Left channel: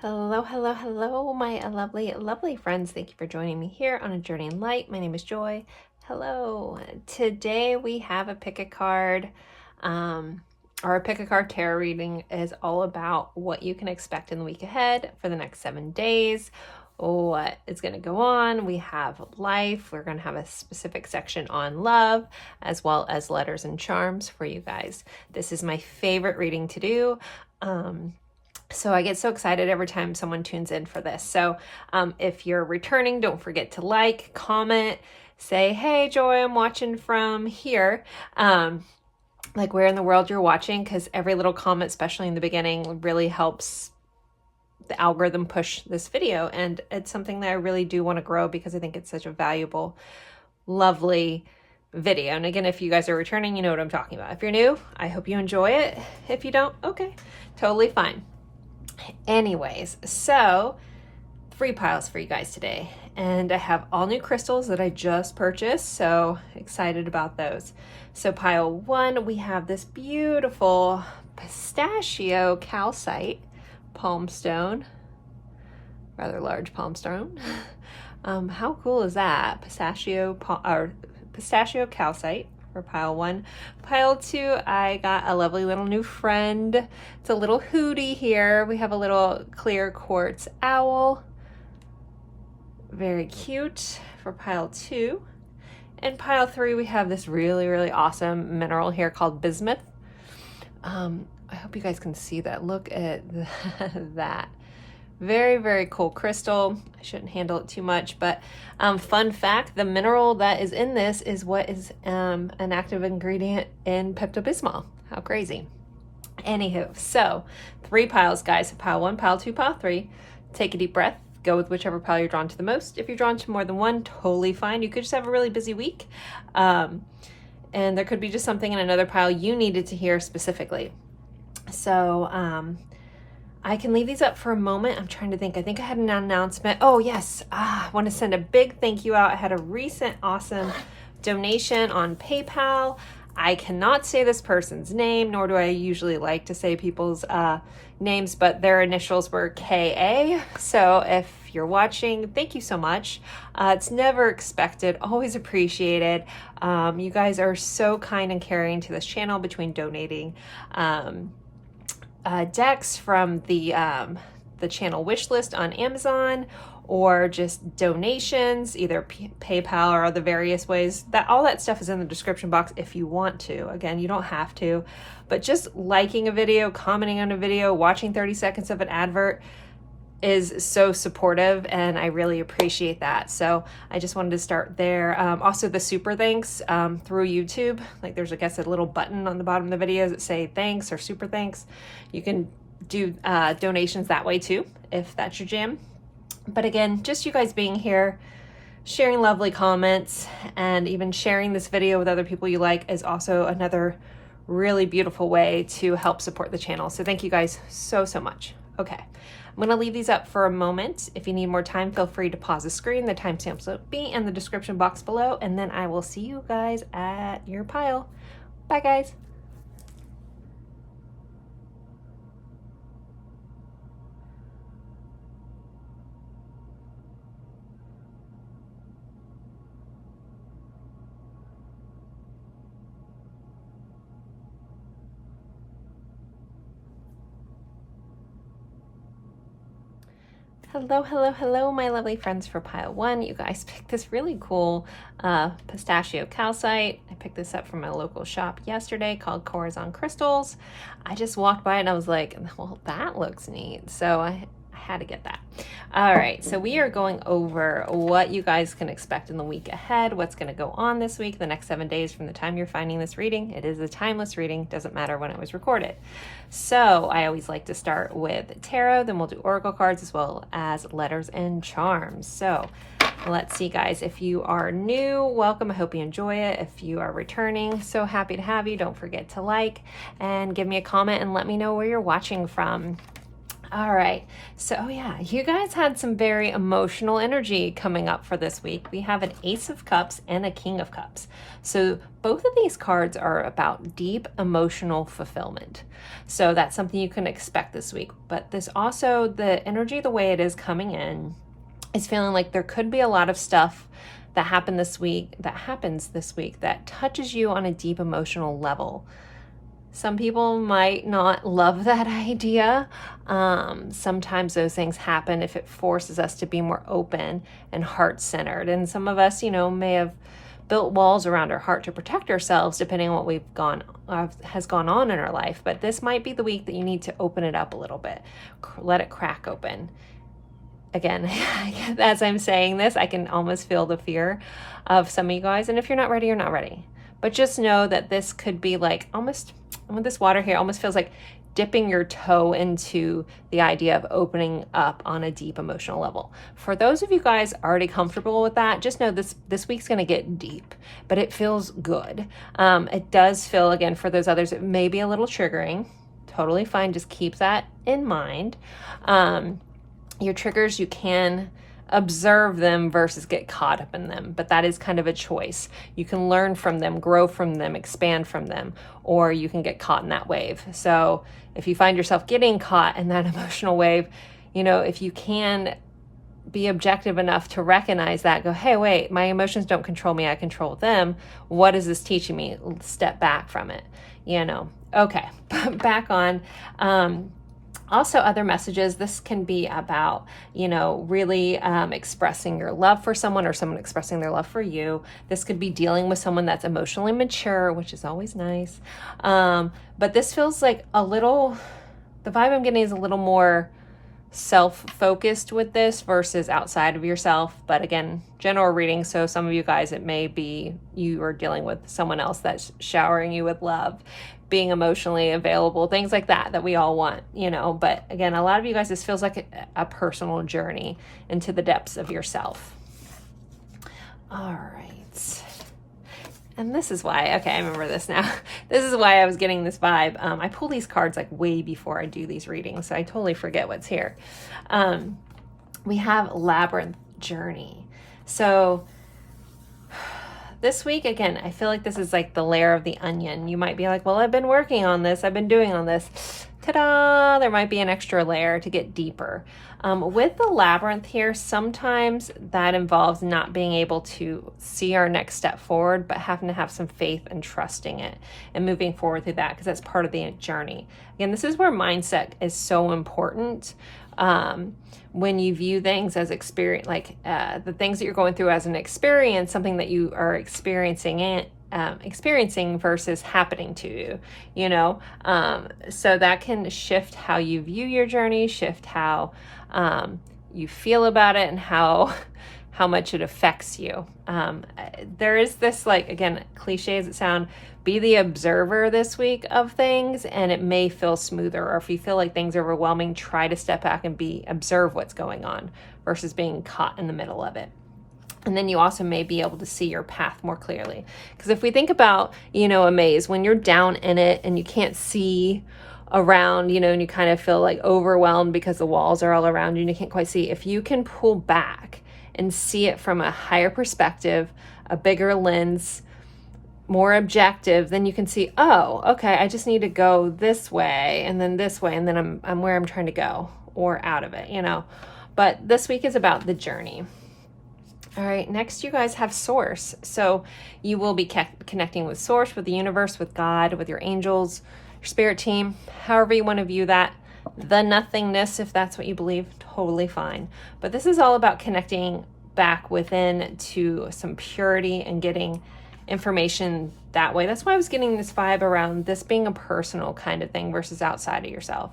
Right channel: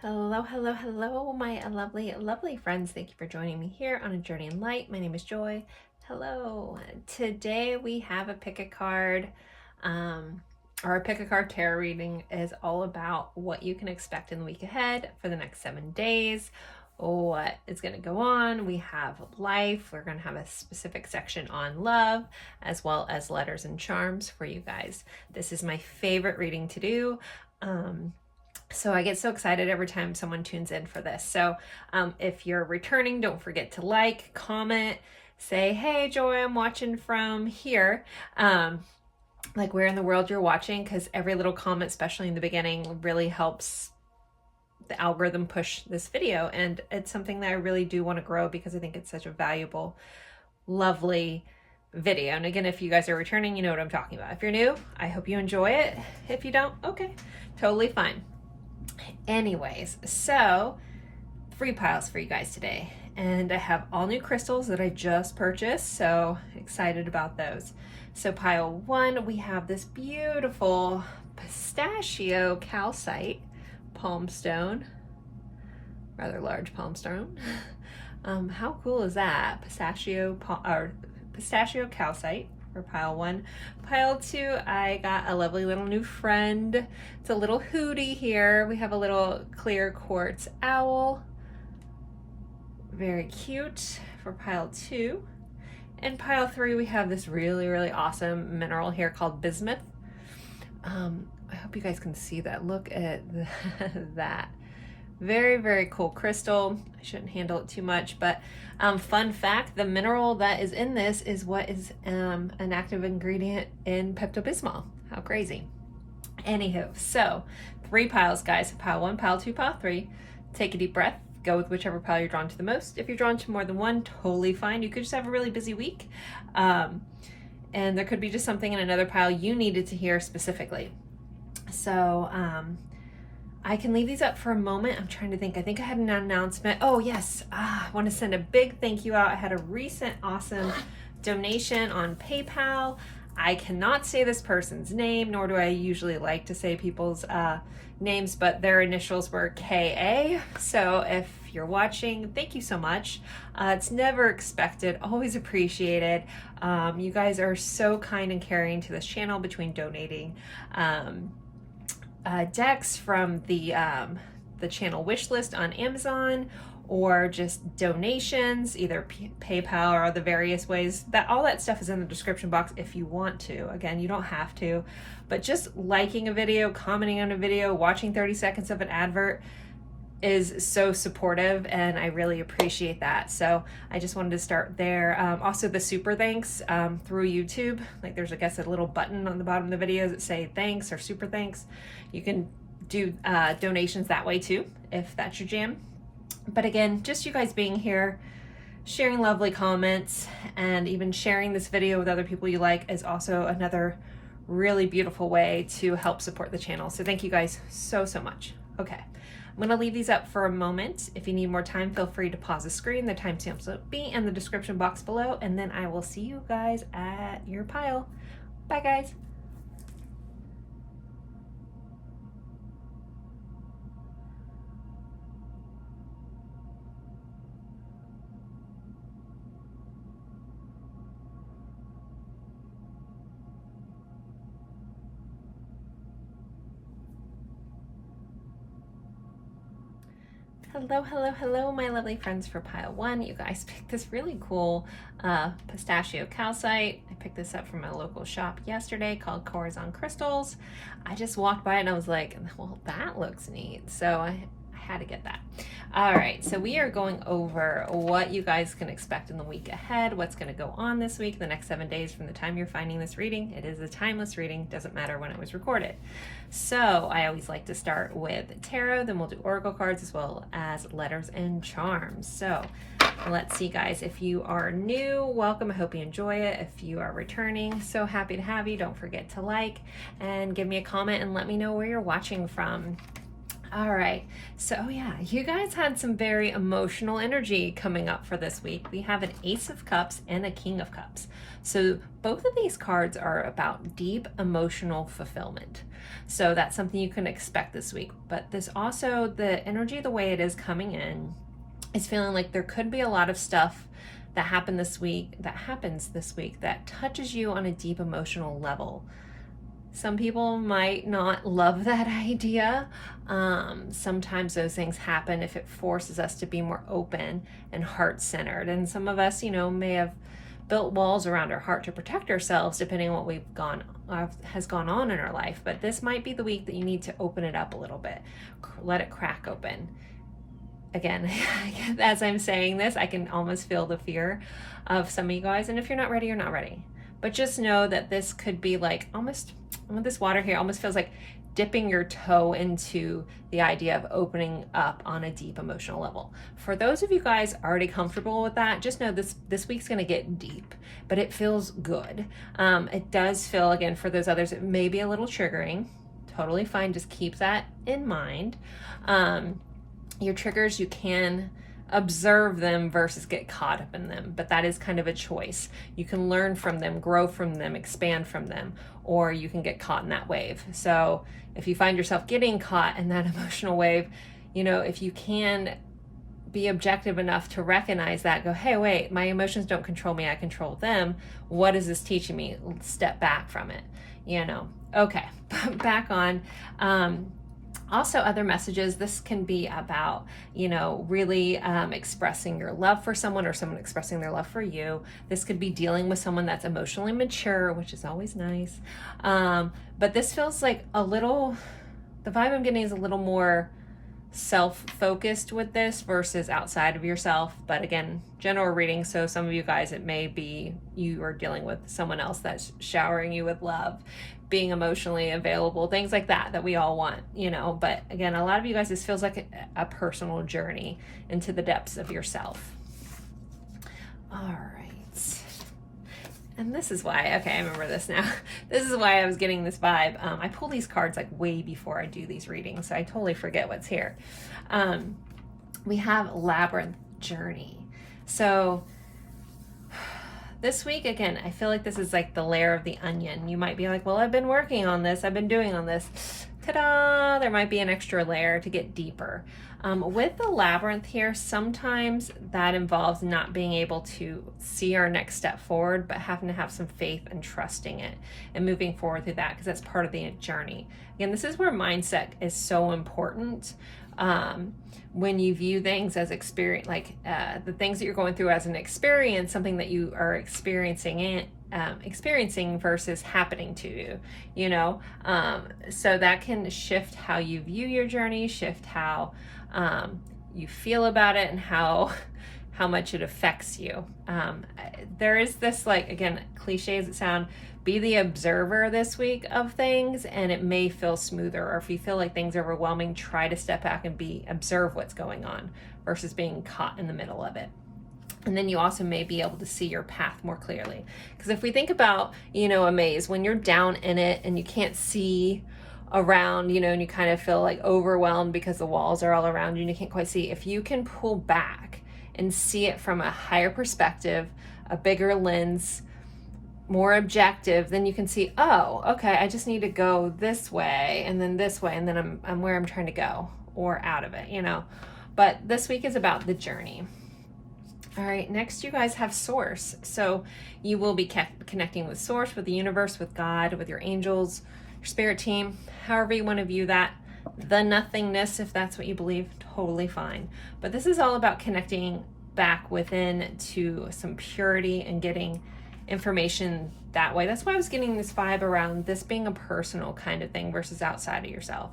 Hello, hello, hello, my lovely, lovely friends. Thank you for joining me here on A Journey in Light. My name is Joy. Hello. Today we have a pick a card, or a pick a card tarot reading is all about what you can expect in the week ahead for the next 7 days, what is going to go on. We have life. We're going to have a specific section on love, as well as letters and charms for you guys. This is my favorite reading to do. So I get so excited every time someone tunes in for this. So if you're returning, don't forget to like, comment, say, hey, Joy, I'm watching from here. Like where in the world you're watching, because every little comment, especially in the beginning, really helps the algorithm push this video. And it's something that I really do want to grow because I think it's such a valuable, lovely video. And again, if you guys are returning, you know what I'm talking about. If you're new, I hope you enjoy it. If you don't, okay, totally fine. Anyways, so 3 piles for you guys today, and I have all new crystals that I just purchased, so excited about those. So pile 1, we have this beautiful pistachio calcite palm stone, rather large palm stone. How cool is that? Pistachio calcite for pile 1. Pile 2, I got a lovely little new friend. It's a little hootie here. We have a little clear quartz owl. Very cute for pile 2. And pile 3, we have this really, really awesome mineral here called bismuth. I hope you guys can see that. Look at that. Very, very cool crystal. I shouldn't handle it too much, but fun fact, the mineral that is in this is what is an active ingredient in Pepto-Bismol. How crazy. Anywho, so 3 piles, guys. Pile 1, pile 2, pile 3. Take a deep breath. Go with whichever pile you're drawn to the most. If you're drawn to more than one, totally fine. You could just have a really busy week. And there could be just something in another pile you needed to hear specifically. So, I can leave these up for a moment. I'm trying to think. I think I had an announcement. Oh, yes. I want to send a big thank you out. I had a recent awesome donation on PayPal. I cannot say this person's name, nor do I usually like to say people's names, but their initials were KA. So if you're watching, thank you so much. It's never expected, always appreciated. You guys are so kind and caring to this channel between donating decks from the channel wish list on Amazon, or just donations, either PayPal or the various ways. That all that stuff is in the description box if you want to. Again, you don't have to, but just liking a video, commenting on a video, watching 30 seconds of an advert is so supportive, and I really appreciate that. So I just wanted to start there. Also the super thanks through YouTube, like there's, I guess, a little button on the bottom of the videos that say thanks or super thanks. You can do donations that way too, if that's your jam. But again, just you guys being here, sharing lovely comments, and even sharing this video with other people you like is also another really beautiful way to help support the channel. So thank you guys so, so much. Okay, I'm going to leave these up for a moment. If you need more time, feel free to pause the screen. The timestamps will be in the description box below, and then I will see you guys at your pile. Bye, guys. Hello, hello, hello, my lovely friends for pile 1. You guys picked this really cool pistachio calcite. I picked this up from my local shop yesterday called Corazon Crystals. I just walked by and I was like, well, that looks neat. So I had to get that. All right, so we are going over what you guys can expect in the week ahead, what's going to go on this week, the next 7 days from the time you're finding this reading. It is a timeless reading, doesn't matter when it was recorded. So I always like to start with tarot, then we'll do oracle cards as well as letters and charms. So let's see, guys. If you are new, welcome. I hope you enjoy it. If you are returning, so happy to have you. Don't forget to like and give me a comment and let me know where you're watching from. All right. So, oh yeah, you guys had some very emotional energy coming up for this week. We have an Ace of Cups and a King of Cups. So, both of these cards are about deep emotional fulfillment. So, that's something you can expect this week. But this also, the energy, the way it is coming in, is feeling like there could be a lot of stuff that happens this week that touches you on a deep emotional level. Some people might not love that idea. Sometimes those things happen if it forces us to be more open and heart-centered. And some of us, may have built walls around our heart to protect ourselves, depending on what has gone on in our life. But this might be the week that you need to open it up a little bit, let it crack open. Again, as I'm saying this, I can almost feel the fear of some of you guys. And if you're not ready, you're not ready. But just know that this could be like almost, with this water here, almost feels like dipping your toe into the idea of opening up on a deep emotional level. For those of you guys already comfortable with that, just know this week's going to get deep, but it feels good. It does feel, again, for those others, it may be a little triggering. Totally fine. Just keep that in mind. Your triggers, you can observe them versus get caught up in them, but that is kind of a choice. You can learn from them, grow from them, expand from them, or you can get caught in that wave. So if you find yourself getting caught in that emotional wave, if you can be objective enough to recognize that, go, hey, wait, my emotions don't control me, I control them. What is this teaching me? Step back from it, Okay, back on. Also, other messages, this can be about, really expressing your love for someone or someone expressing their love for you. This could be dealing with someone that's emotionally mature, which is always nice. But this feels like the vibe I'm getting is a little more self-focused with this versus outside of yourself. But again, general reading, so some of you guys, it may be you are dealing with someone else that's showering you with love, being emotionally available, things like that we all want, but again, a lot of you guys, this feels like a personal journey into the depths of yourself. All right. And this is why, okay, I remember this now. This is why I was getting this vibe. I pull these cards like way before I do these readings, so I totally forget what's here. We have Labyrinth Journey. So this week, again, I feel like this is like the layer of the onion. You might be like, well, I've been working on this. I've been doing on this. Ta-da! There might be an extra layer to get deeper. With the labyrinth here, sometimes that involves not being able to see our next step forward, but having to have some faith and trusting it and moving forward through that, because that's part of the journey. Again, this is where mindset is so important. When you view things as experience, like the things that you're going through as an experience, something that you are experiencing versus happening to you, so that can shift how you view your journey, shift how you feel about it, and how much it affects you. There is this, like, again, cliche as it sounds, be the observer this week of things, and it may feel smoother. Or if you feel like things are overwhelming, try to step back and observe what's going on versus being caught in the middle of it. And then you also may be able to see your path more clearly. Because if we think about, a maze, when you're down in it and you can't see around, and you kind of feel like overwhelmed because the walls are all around you and you can't quite see, if you can pull back and see it from a higher perspective, a bigger lens, more objective, then you can see, oh, okay, I just need to go this way and then this way, and then I'm where I'm trying to go, or out of it, But this week is about the journey. All right, next you guys have Source. So you will be connecting with Source, with the universe, with God, with your angels, your spirit team, however you want to view that. The nothingness, if that's what you believe, totally fine. But this is all about connecting back within to some purity and getting information that way. That's why I was getting this vibe around this being a personal kind of thing versus outside of yourself.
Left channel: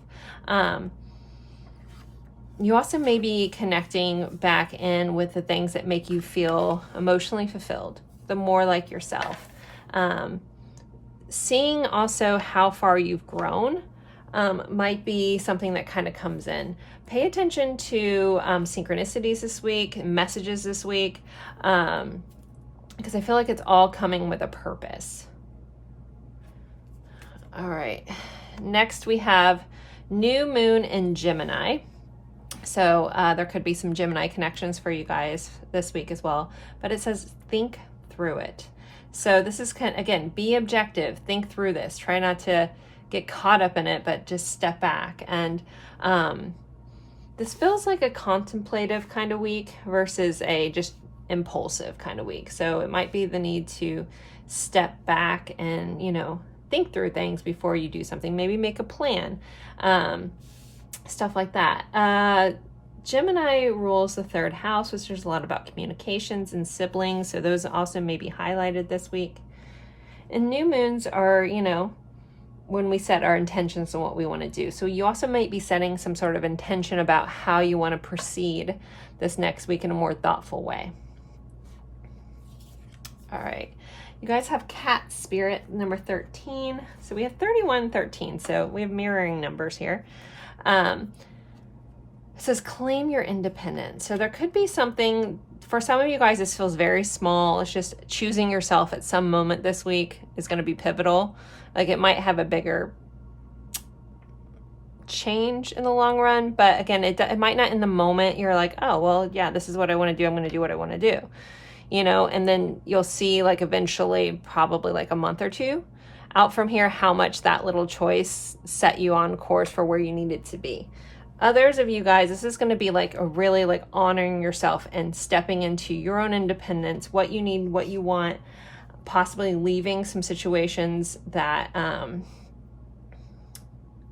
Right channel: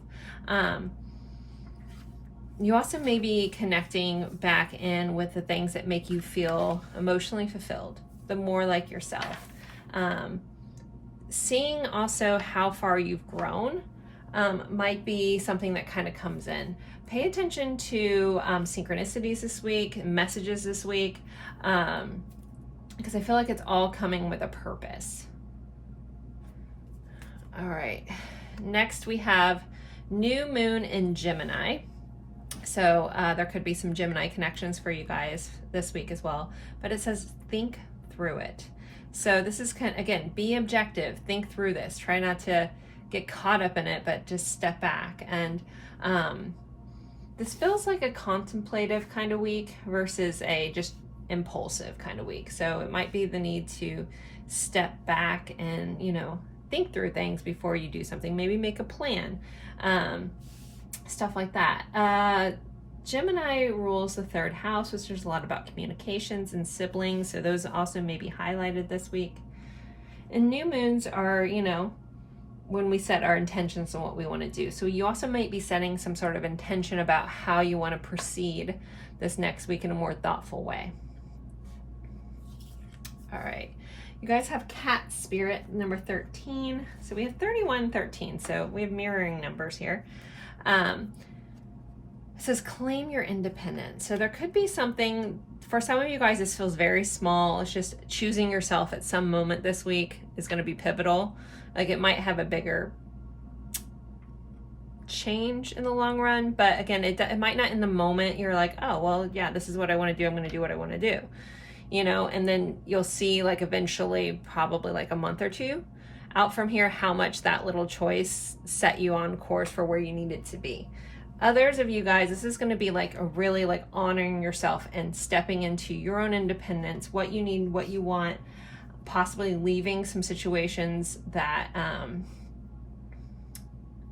You also may be connecting back in with the things that make you feel emotionally fulfilled, the more like yourself. Seeing also how far you've grown might be something that kind of comes in. Pay attention to synchronicities this week, messages this week, because I feel like it's all coming with a purpose. All right. Next we have New moon in Gemini. So there could be some Gemini connections for you guys this week as well. But it says think through it. So this is kind of, again, be objective, think through this. Try not to get caught up in it, but just step back. And this feels like a contemplative kind of week versus a just impulsive kind of week. So it might be the need to step back and, you know, think through things before you do something. Maybe make a plan, stuff like that. Gemini rules the third house, which there's a lot about communications and siblings. So those also may be highlighted this week. And new moons are, you know, when we set our intentions on what we want to do. So you also might be setting some sort of intention about how you want to proceed this next week in a more thoughtful way. All right. You guys have cat spirit number 13. So we have 31, 13. So we have mirroring numbers here. It says claim your independence. So there could be something, for some of you guys, this feels very small. It's just choosing yourself at some moment this week is going to be pivotal. Like it might have a bigger change in the long run, but again, it might not in the moment. You're like, oh, well, yeah, this is what I want to do. I'm going to do what I want to do, you know, and then you'll see like eventually, probably like a month or two out from here, how much that little choice set you on course for where you needed to be. Others of you guys, this is going to be like a really like honoring yourself and stepping into your own independence, what you need, what you want, possibly leaving some situations that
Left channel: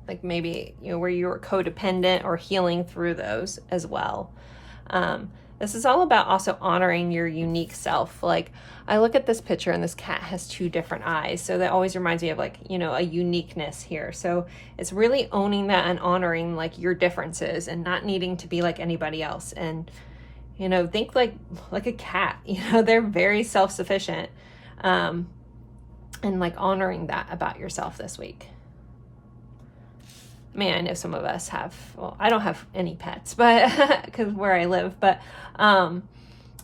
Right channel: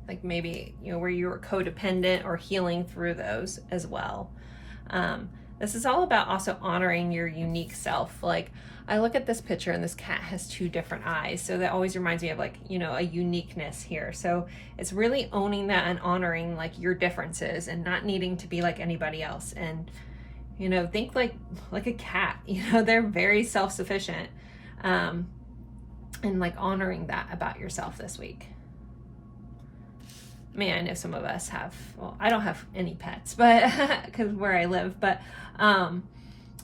like maybe, you know, where you were codependent, or healing through those as well. This is all about also honoring your unique self. Like I look at this picture and this cat has two different eyes. So that always reminds me of like, you know, a uniqueness here. So it's really owning that and honoring like your differences and not needing to be like anybody else. And, you know, think like a cat, you know, they're very self-sufficient. And like honoring that about yourself this week. Man, I know some of us have, well, I don't have any pets, but because where I live, but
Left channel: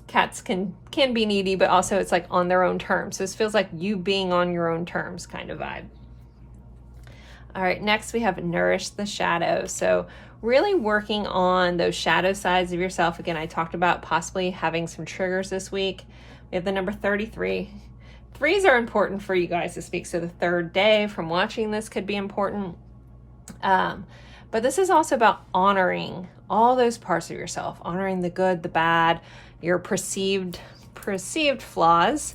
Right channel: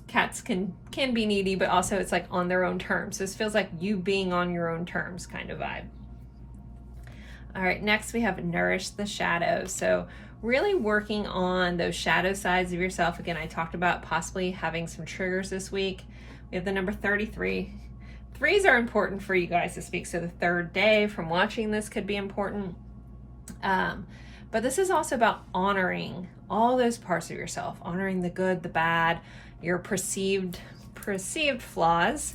cats can be needy, but also it's like on their own terms. So this feels like you being on your own terms kind of vibe. All right, next we have nourish the shadow. So really working on those shadow sides of yourself. Again, I talked about possibly having some triggers this week. We have the number 33. Threes are important for you guys this week. So the third day from watching this could be important. But this is also about honoring all those parts of yourself, honoring the good, the bad, your perceived flaws,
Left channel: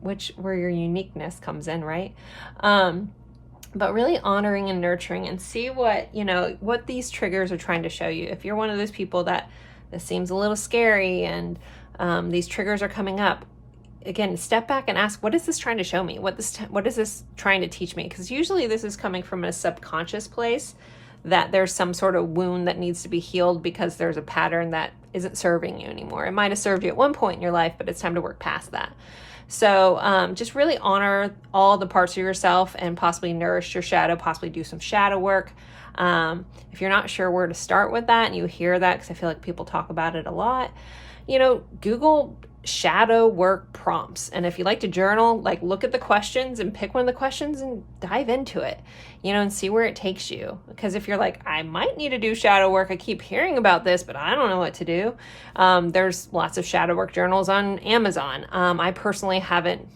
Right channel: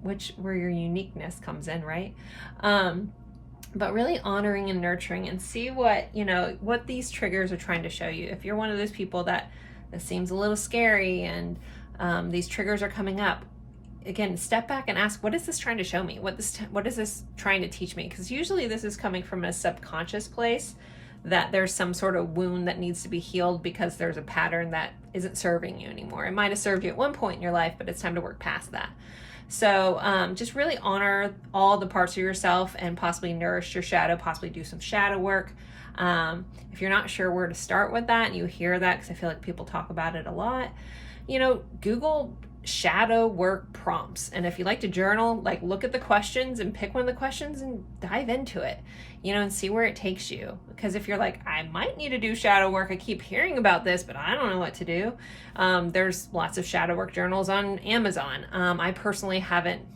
which where your uniqueness comes in, right? But really honoring and nurturing, and see what, you know, what these triggers are trying to show you. If you're one of those people that this seems a little scary and these triggers are coming up, again, step back and ask, what is this trying to show me? What is this trying to teach me? Because usually this is coming from a subconscious place, that there's some sort of wound that needs to be healed because there's a pattern that isn't serving you anymore. It might have served you at one point in your life, but it's time to work past that. So just really honor all the parts of yourself and possibly nourish your shadow, possibly do some shadow work. If you're not sure where to start with that, and you hear that, because I feel like people talk about it a lot, you know, Google shadow work prompts. And if you like to journal, like look at the questions and pick one of the questions and dive into it, you know, and see where it takes you. Because if you're like, I might need to do shadow work, I keep hearing about this, but I don't know what to do. There's lots of shadow work journals on Amazon. I personally haven't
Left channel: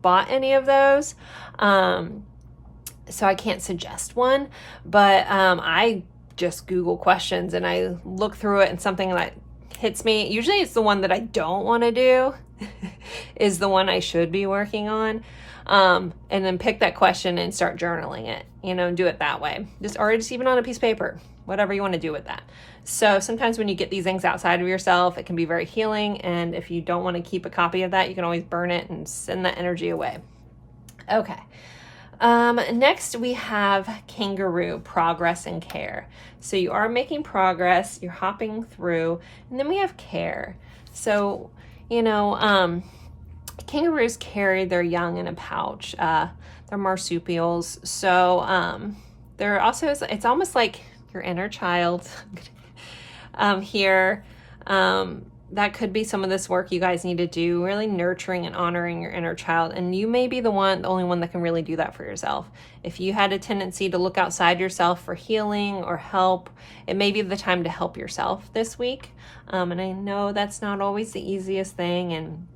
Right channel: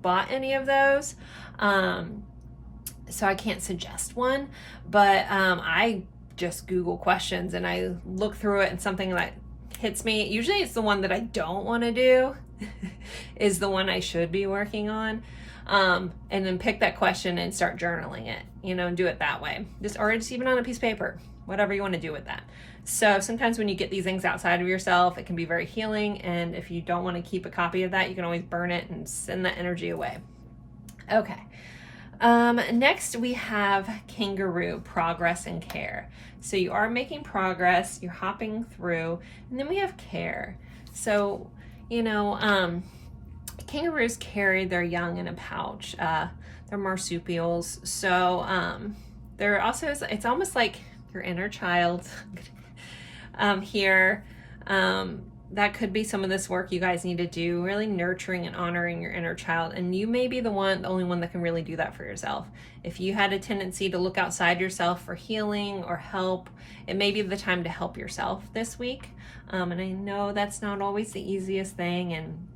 bought any of those. So I can't suggest one, but I just Google questions and I look through it, and something that hits me, usually it's the one that I don't want to do is the one I should be working on, and then pick that question and start journaling it, you know, and do it that way, or just even on a piece of paper, whatever you want to do with that. So sometimes when you get these things outside of yourself, it can be very healing, and if you don't want to keep a copy of that, you can always burn it and send that energy away. Okay. Next we have kangaroo, progress and care. So you are making progress, you're hopping through, and then we have care. So, you know, kangaroos carry their young in a pouch. They're marsupials. So, they're also, it's almost like your inner child, here, that could be some of this work you guys need to do, really nurturing and honoring your inner child. And you may be the only one that can really do that for yourself. If you had a tendency to look outside yourself for healing or help, it may be the time to help yourself this week. And I know that's not always the easiest thing,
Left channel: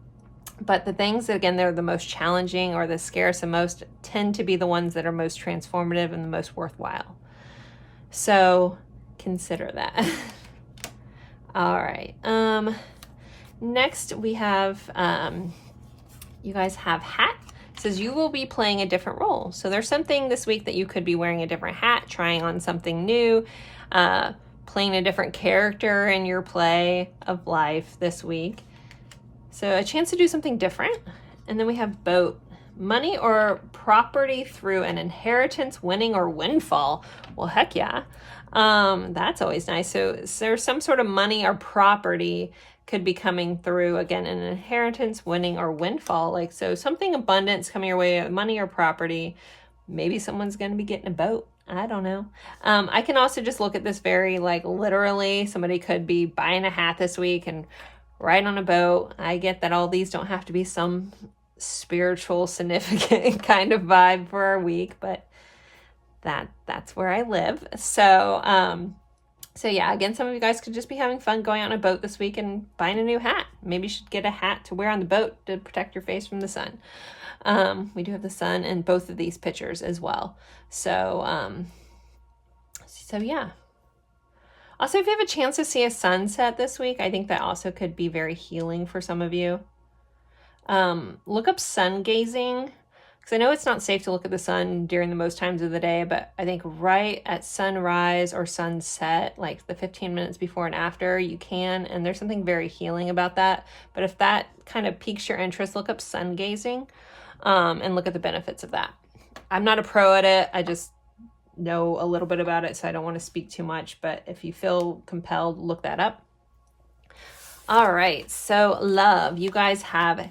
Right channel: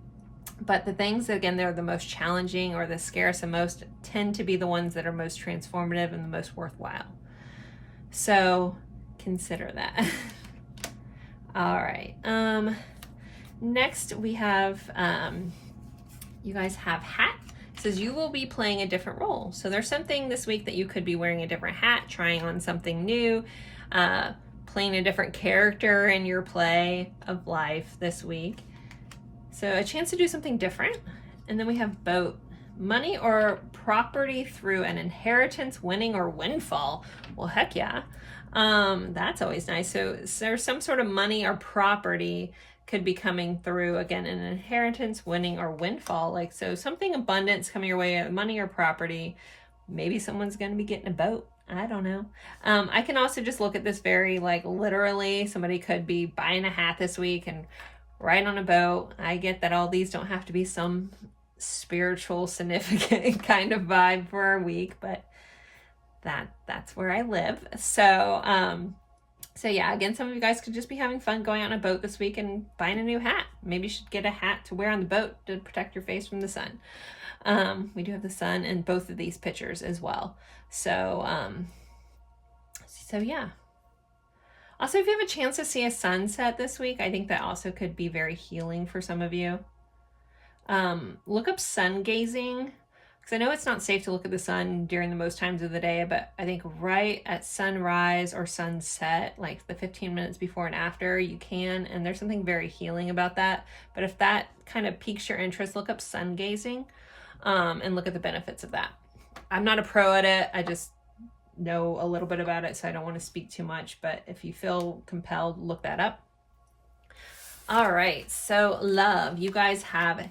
but the things that, again, they're the most challenging or the scariest the most tend to be the ones that are most transformative and the most worthwhile. So consider that. All right. Next we have, you guys have hat. It says you will be playing a different role. So there's something this week that you could be wearing a different hat, trying on something new, playing a different character in your play of life this week. So a chance to do something different. And then we have boat. Money or property through an inheritance, winning, or windfall. Well, heck yeah. That's always nice. So there's some sort of money or property could be coming through, again, an inheritance, winning, or windfall. Like, so something abundance coming your way, money or property. Maybe someone's going to be getting a boat. I don't know. I can also just look at this very like literally. Somebody could be buying a hat this week and ride on a boat. I get that all these don't have to be some spiritual significant kind of vibe for our week, but that's where I live. So yeah, again, some of you guys could just be having fun going on a boat this week and buying a new hat. Maybe you should get a hat to wear on the boat to protect your face from the sun. We do have the sun in both of these pictures as well. So yeah. Also, if you have a chance to see a sunset this week, I think that also could be very healing for some of you. Look up sun gazing, because I know it's not safe to look at the sun during the most times of the day, but I think right at sunrise or sunset, like the 15 minutes before and after, you can, and there's something very healing about that. But if that kind of piques your interest, look up sun gazing, and look at the benefits of that. I'm not a pro at it. I just know a little bit about it, so I don't want to speak too much, but if you feel compelled, look that up. All right, so love, you guys have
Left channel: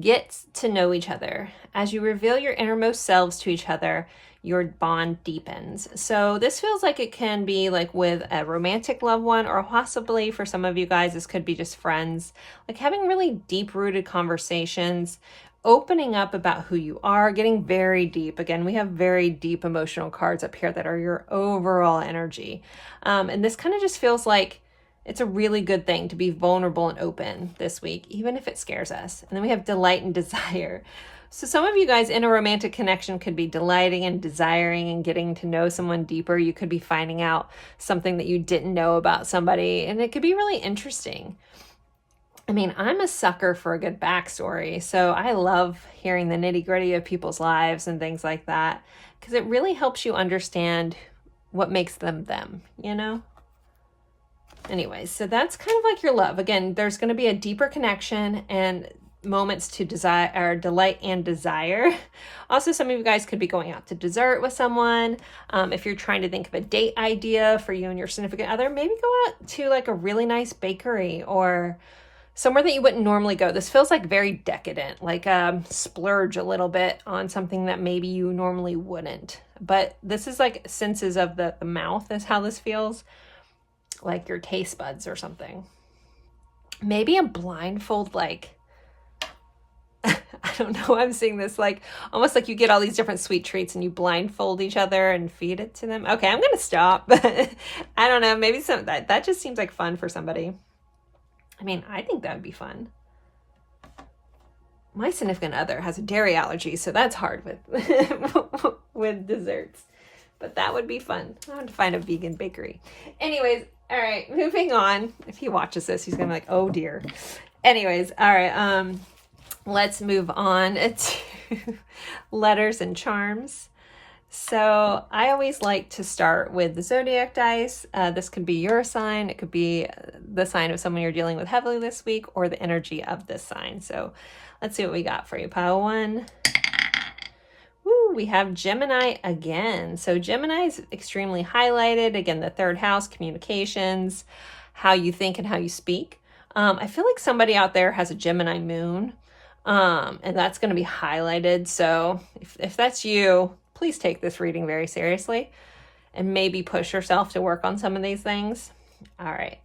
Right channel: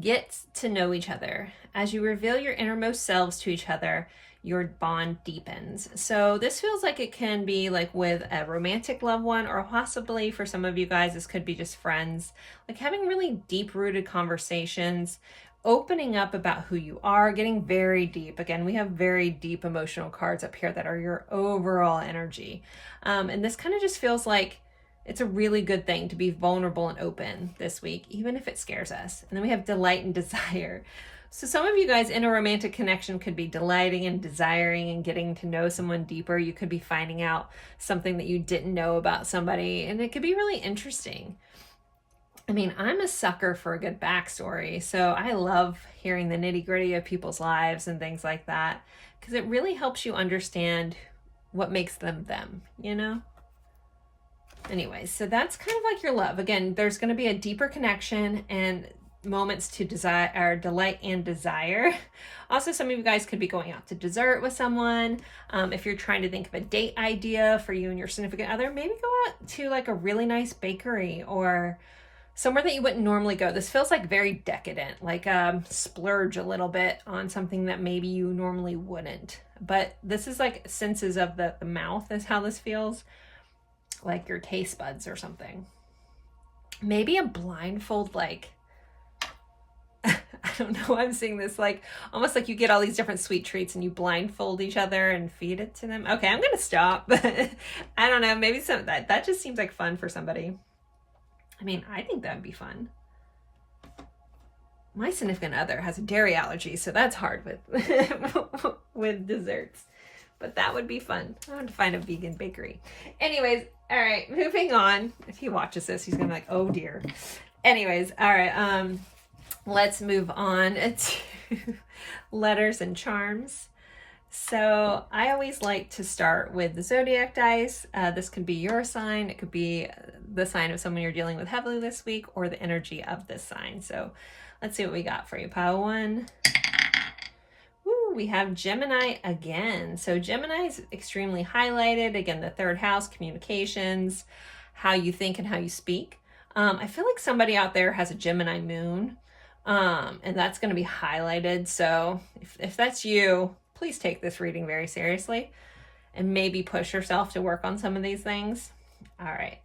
get to know each other. As you reveal your innermost selves to each other, your bond deepens. So this feels like it can be like with a romantic loved one, or possibly for some of you guys, this could be just friends, like having really deep-rooted conversations, opening up about who you are, getting very deep. Again, we have very deep emotional cards up here that are your overall energy. And this kind of just feels like it's a really good thing to be vulnerable and open this week, even if it scares us. And then we have delight and desire. So some of you guys in a romantic connection could be delighting and desiring and getting to know someone deeper. You could be finding out something that you didn't know about somebody, and it could be really interesting. I mean, I'm a sucker for a good backstory, so I love hearing the nitty-gritty of people's lives and things like that, because it really helps you understand what makes them them, you know? Anyways, so that's kind of like your love. Again, there's going to be a deeper connection and moments to desire, or delight and desire. Also, some of you guys could be going out to dessert with someone. If you're trying to think of a date idea for you and your significant other, maybe go out to like a really nice bakery or somewhere that you wouldn't normally go. This feels like very decadent, like splurge a little bit on something that maybe you normally wouldn't. But this is like senses of the mouth is how this feels, like your taste buds or something. Maybe a blindfold, like, I don't know, I'm seeing this like almost like you get all these different sweet treats and you blindfold each other and feed it to them. Okay, I'm gonna stop. But I don't know, maybe some that just seems like fun for somebody. I mean, I think that would be fun. My significant other has a dairy allergy, so that's hard with with desserts. But that would be fun. I want to find a vegan bakery. Anyways, all right, moving on. If he watches this, he's gonna be like, oh dear. Anyways, all right, let's move on to letters and charms. So I always like to start with the zodiac dice. This could be your sign. It could be the sign of someone you're dealing with heavily this week, or the energy of this sign. So let's see what we got for you. Pile one. Woo, we have Gemini again. So Gemini is extremely highlighted. Again, the third house, communications, how you think and how you speak. I feel like somebody out there has a Gemini moon, and that's going to be highlighted. So if that's you, please take this reading very seriously and maybe push yourself to work on some of these things. All right.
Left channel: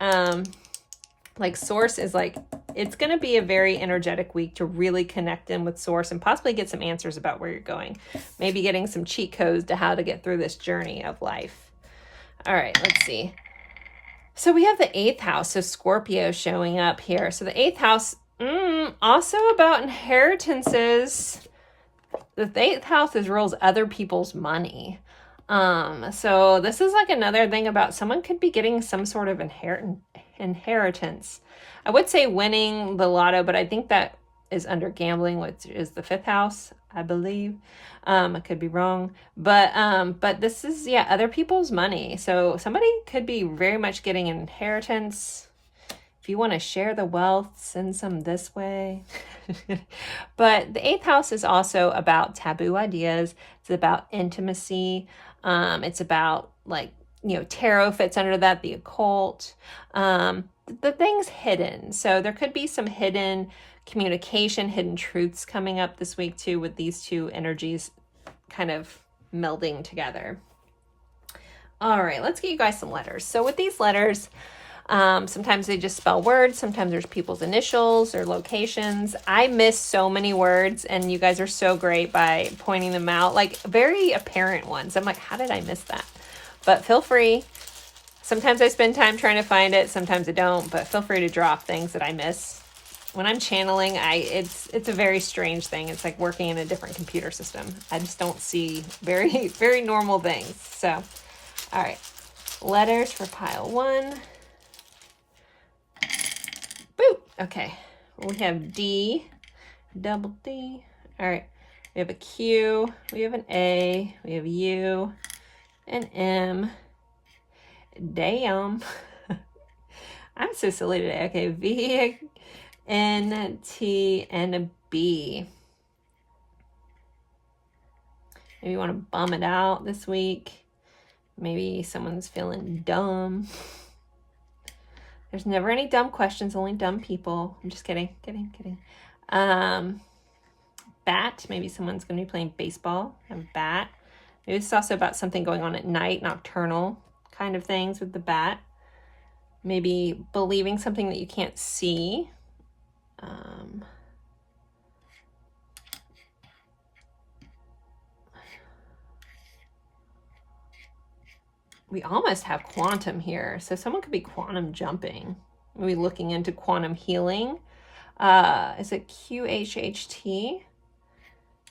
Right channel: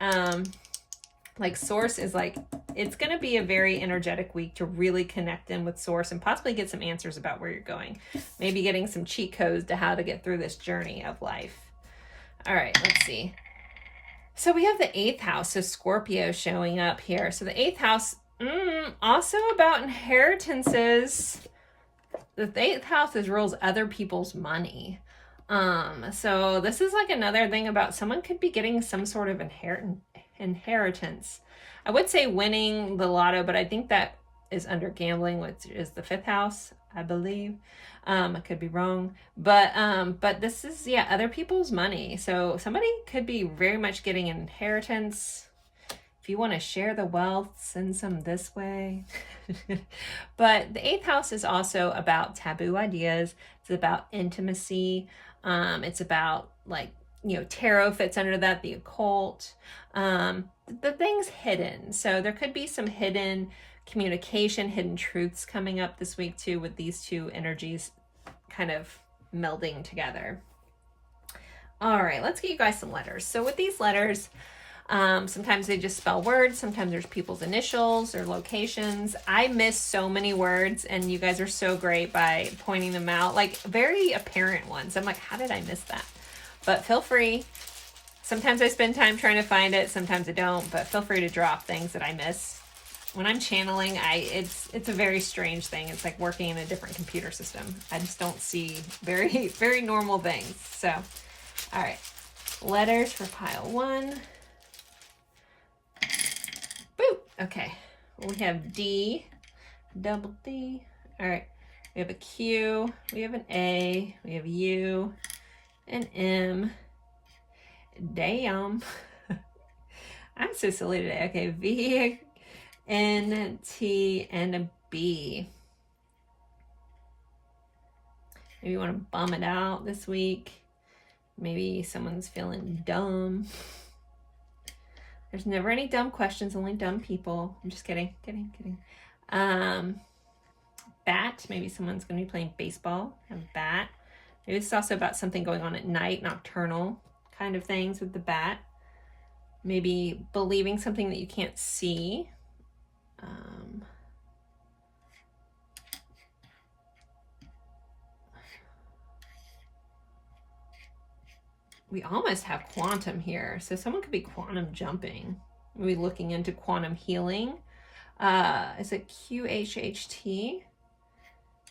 Like source is like, it's going to be a very energetic week to really connect in with source and possibly get some answers about where you're going. Maybe getting some cheat codes to how to get through this journey of life. All right, let's see. So we have the 8th house, so Scorpio showing up here. So the 8th house, also about inheritances. The 8th house rules other people's money. So this is like another thing about someone could be getting some sort of inheritance. I would say winning the lotto, but I think that is under gambling, which is the 5th house, I believe. I could be wrong, but this is, yeah, other people's money. So somebody could be very much getting an inheritance. If you want to share the wealth, send some this way. But the 8th house is also about taboo ideas. It's about intimacy. It's about, like, you know, tarot fits under that, the occult, the things hidden. So there could be some hidden communication, hidden truths coming up this week too, with these two energies kind of melding together. All right, let's get you guys some letters. So with these letters, sometimes they just spell words. Sometimes there's people's initials or locations. I miss so many words, and you guys are so great by pointing them out, like very apparent ones. I'm like, how did I miss that? But feel free. Sometimes I spend time trying to find it. Sometimes I don't, but feel free to drop things that I miss. When I'm channeling, it's a very strange thing. It's like working in a different computer system. I just don't see very, very normal things. So, all right. Letters for pile 1. Boop. Okay. We have D, double D. All right. We have a Q. We have an A. We have U, an M. Damn. I'm so silly today. Okay. V, N, T, and a B. Maybe you want to bum it out this week. Maybe someone's feeling dumb. There's never any dumb questions, only dumb people. I'm just kidding. Bat. Maybe someone's going to be playing baseball. A bat. Maybe it's also about something going on at night, nocturnal kind of things with the bat. Maybe believing something that you can't see. We almost have quantum here. So someone could be quantum jumping. Maybe looking into quantum healing. Is it QHHT?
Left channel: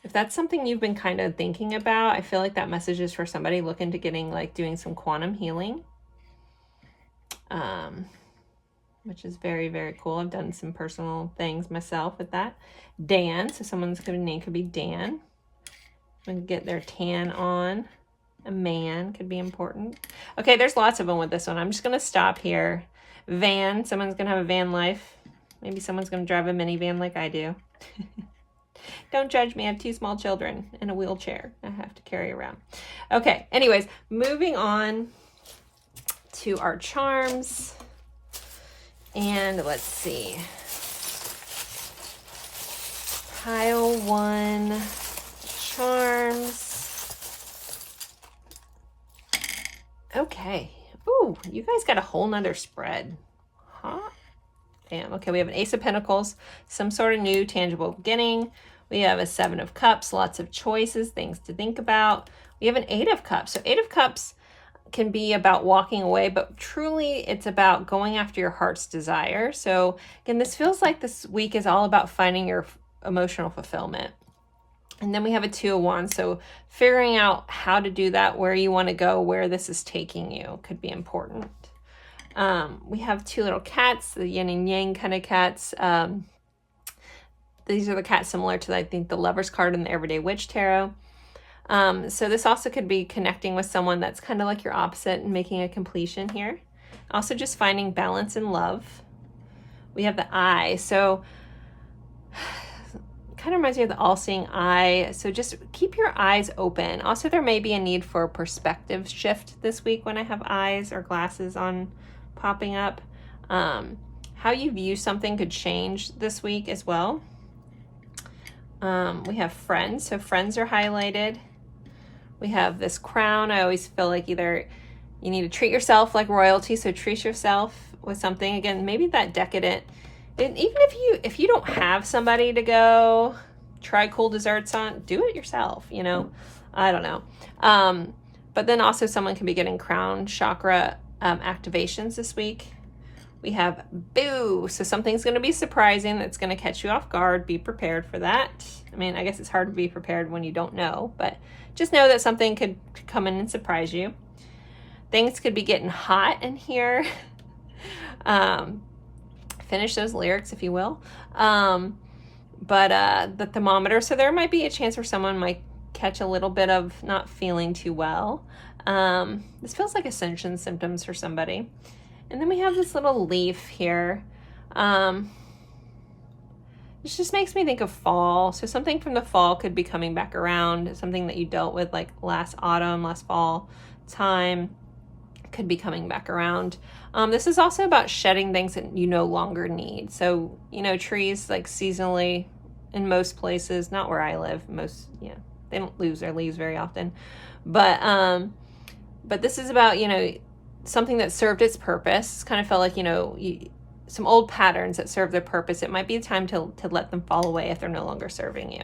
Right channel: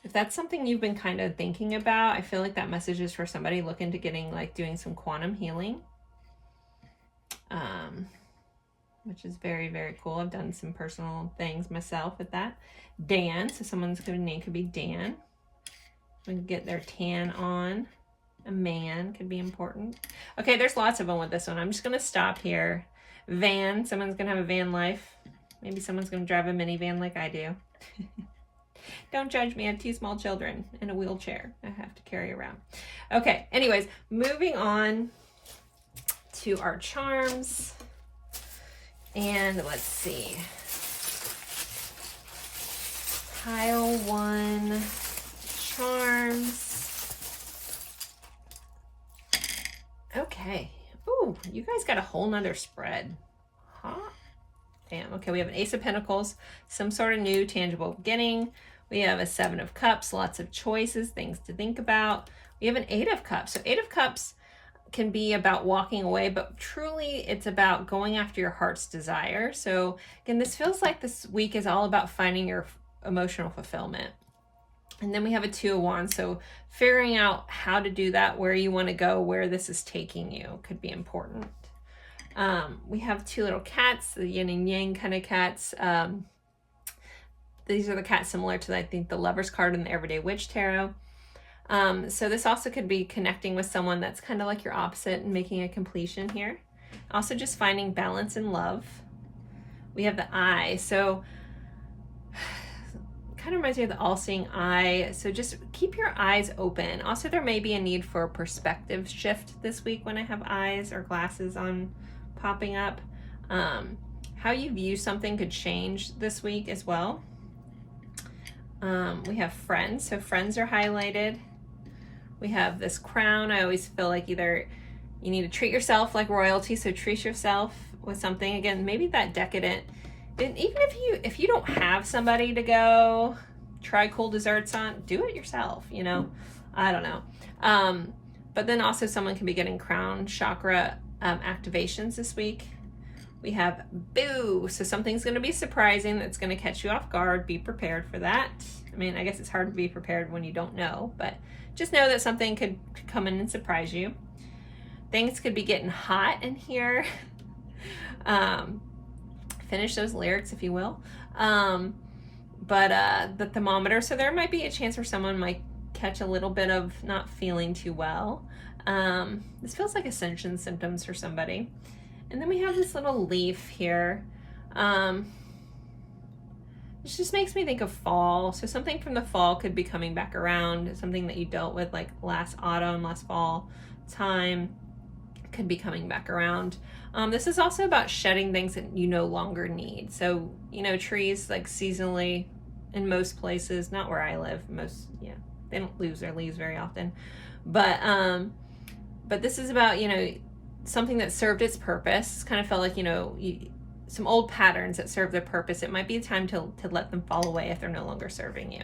If that's something you've been kind of thinking about, I feel like that message is for somebody looking to getting, like, doing some quantum healing. Which is very, very cool. I've done some personal things myself with that. Dan, so someone's name could be Dan. And get their tan on. A man could be important. Okay, there's lots of them with this one. I'm just going to stop here. Van, someone's going to have a van life. Maybe someone's going to drive a minivan like I do. Don't judge me. I have 2 small children and a wheelchair I have to carry around. Okay, anyways, moving on to our charms. And let's see. Pile 1, charms. Okay. Ooh, you guys got a whole nother spread. Huh? Damn. Okay, we have an Ace of Pentacles, some sort of new tangible beginning. We have a 7 of Cups, lots of choices, things to think about. We have an 8 of Cups. So 8 of Cups can be about walking away, but truly it's about going after your heart's desire. So again, this feels like this week is all about finding your emotional fulfillment. And then we have a 2 of Wands. So figuring out how to do that, where you want to go, where this is taking you could be important. We have 2 little cats, the yin and yang kind of cats. These are the cats similar to, I think, the Lover's card in the Everyday Witch Tarot. So this also could be connecting with someone that's kind of like your opposite and making a completion here. Also just finding balance in love. We have the eye. So kind of reminds me of the all-seeing eye. So just keep your eyes open. Also, there may be a need for a perspective shift this week when I have eyes or glasses on popping up. How you view something could change this week as well. We have friends. So friends are highlighted. We have this crown. I always feel like either you need to treat yourself like royalty, so treat yourself, with something. Again, maybe that decadent. And even if you don't have somebody to go try cool desserts on, do it yourself, you know. I don't know. But then also someone can be getting crown chakra activations this week. We have boo. So something's going to be surprising that's going to catch you off guard. Be prepared for that. I mean, I guess it's hard to be prepared when you don't know, but just know that something could come in and surprise you. Things could be getting hot in here. Finish those lyrics, if you will. But the thermometer, so there might be a chance where someone might catch a little bit of not feeling too well. This feels like ascension symptoms for somebody. And then we have this little leaf here. This just makes me think of fall. So something from the fall could be coming back around. Something that you dealt with like last autumn, last fall time could be coming back around. This is also about shedding things that you no longer need. So, you know, trees like seasonally in most places, not where I live, they don't lose their leaves very often. But this is about, you know, something that served its purpose. It's kind of felt like, you know, some old patterns that serve their purpose. It might be a time to let them fall away if they're no longer serving you.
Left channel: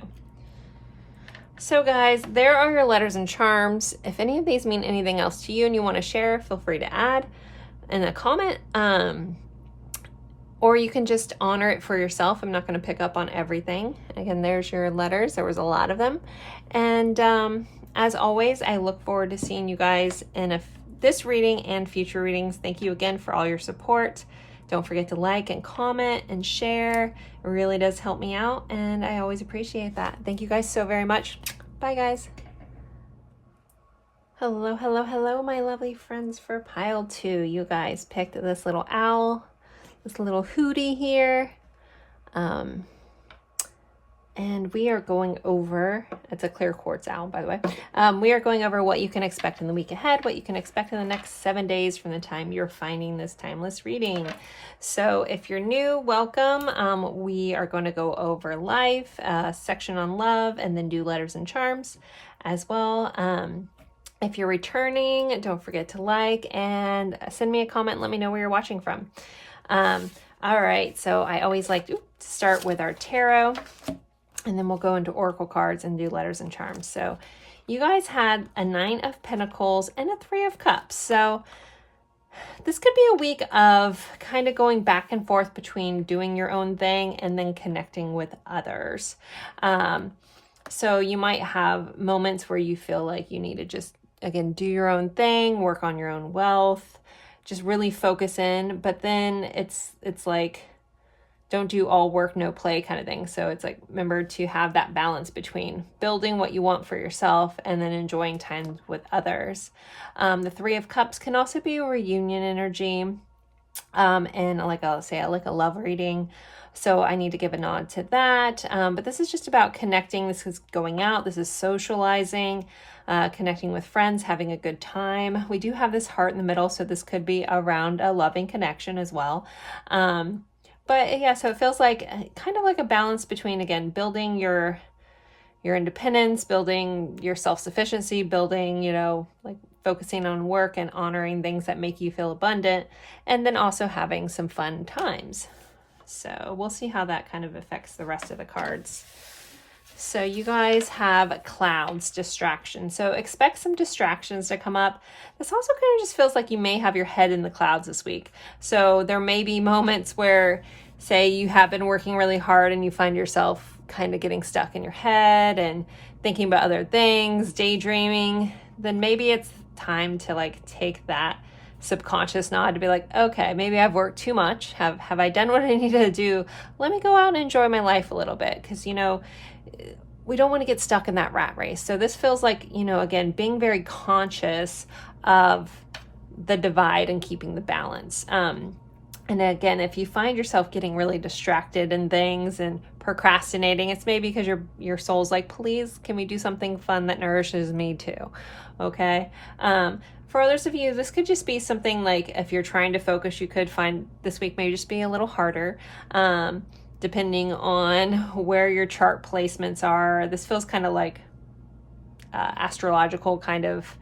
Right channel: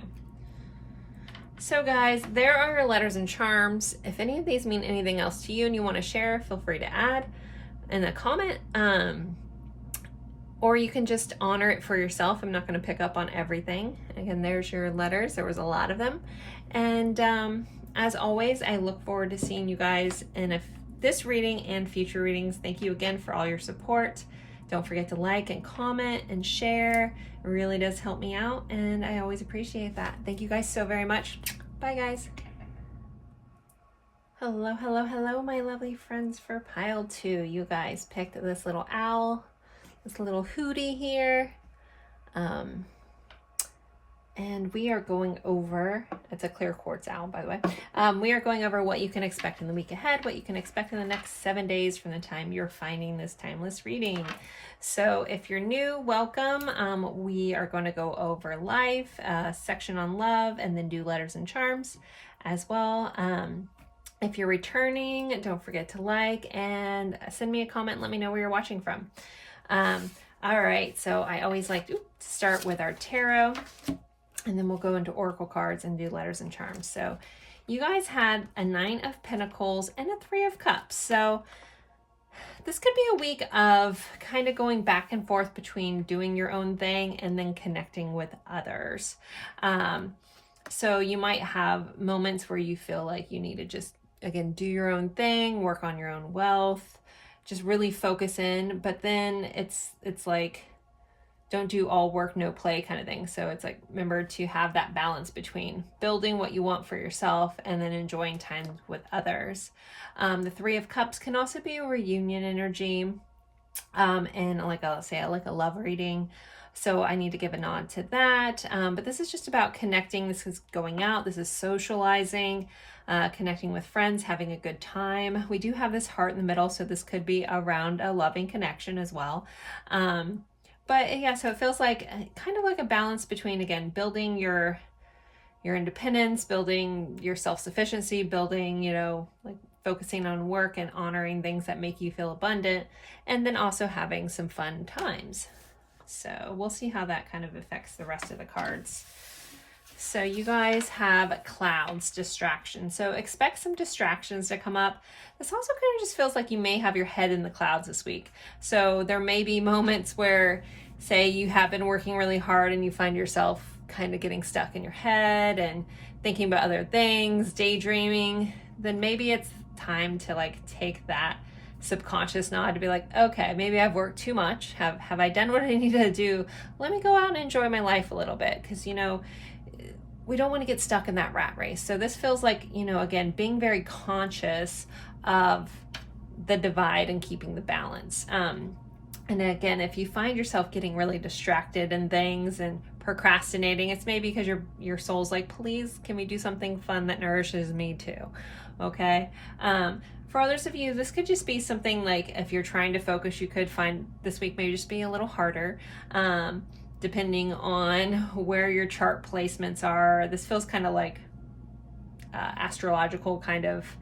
So guys, there are your letters and charms. If any of these mean anything else to you and you want to share, feel free to add in a comment. Or you can just honor it for yourself. I'm not going to pick up on everything. Again, there's your letters. There was a lot of them. And as always, I look forward to seeing you guys in this reading and future readings. Thank you again for all your support. Don't forget to like and comment and share. It really does help me out, and I always appreciate that. Thank you guys so very much. Bye, guys. Hello, hello, hello, my lovely friends for pile 2. You guys picked this little owl, this little hootie here. And we are going over, it's a clear quartz owl, by the way. We are going over what you can expect in the week ahead, what you can expect in the next 7 days from the time you're finding this timeless reading. So if you're new, welcome. We are going to go over life, section on love, and then do letters and charms as well. If you're returning, don't forget to like and send me a comment and let me know where you're watching from. All right, so I always like to start with our tarot. And then we'll go into oracle cards and do letters and charms. So you guys had a 9 of Pentacles and a 3 of Cups. So this could be a week of kind of going back and forth between doing your own thing and then connecting with others. So you might have moments where you feel like you need to just, again, do your own thing, work on your own wealth, just really focus in. But then it's like, don't do all work, no play kind of thing. So it's like, remember to have that balance between building what you want for yourself and then enjoying time with others. The 3 of Cups can also be a reunion energy. And like I'll say, like a love reading. So I need to give a nod to that. But this is just about connecting. This is going out. This is socializing, connecting with friends, having a good time. We do have this heart in the middle. So this could be around a loving connection as well. But yeah, so it feels like kind of like a balance between, again, building your independence, building your self-sufficiency, building, you know, like focusing on work and honoring things that make you feel abundant, and then also having some fun times. So we'll see how that kind of affects the rest of the cards. So you guys have clouds, distraction. So expect some distractions to come up. This also kind of just feels like you may have your head in the clouds this week. So there may be moments where, say, you have been working really hard and you find yourself kind of getting stuck in your head and thinking about other things, daydreaming. Then maybe it's time to like take that subconscious nod to be like, okay, maybe I've worked too much. Have I done what I needed to do? Let me go out and enjoy my life a little bit. Because, you know, we don't want to get stuck in that rat race. So this feels like, you know, again, being very conscious of the divide and keeping the balance. And again, if you find yourself getting really distracted in things and procrastinating, it's maybe because your soul's like, please, can we do something fun that nourishes me too? Okay. For others of you, this could just be something like, if you're trying to focus, you could find this week may just be a little harder. Depending on where your chart placements are. This feels kind of like astrological kind of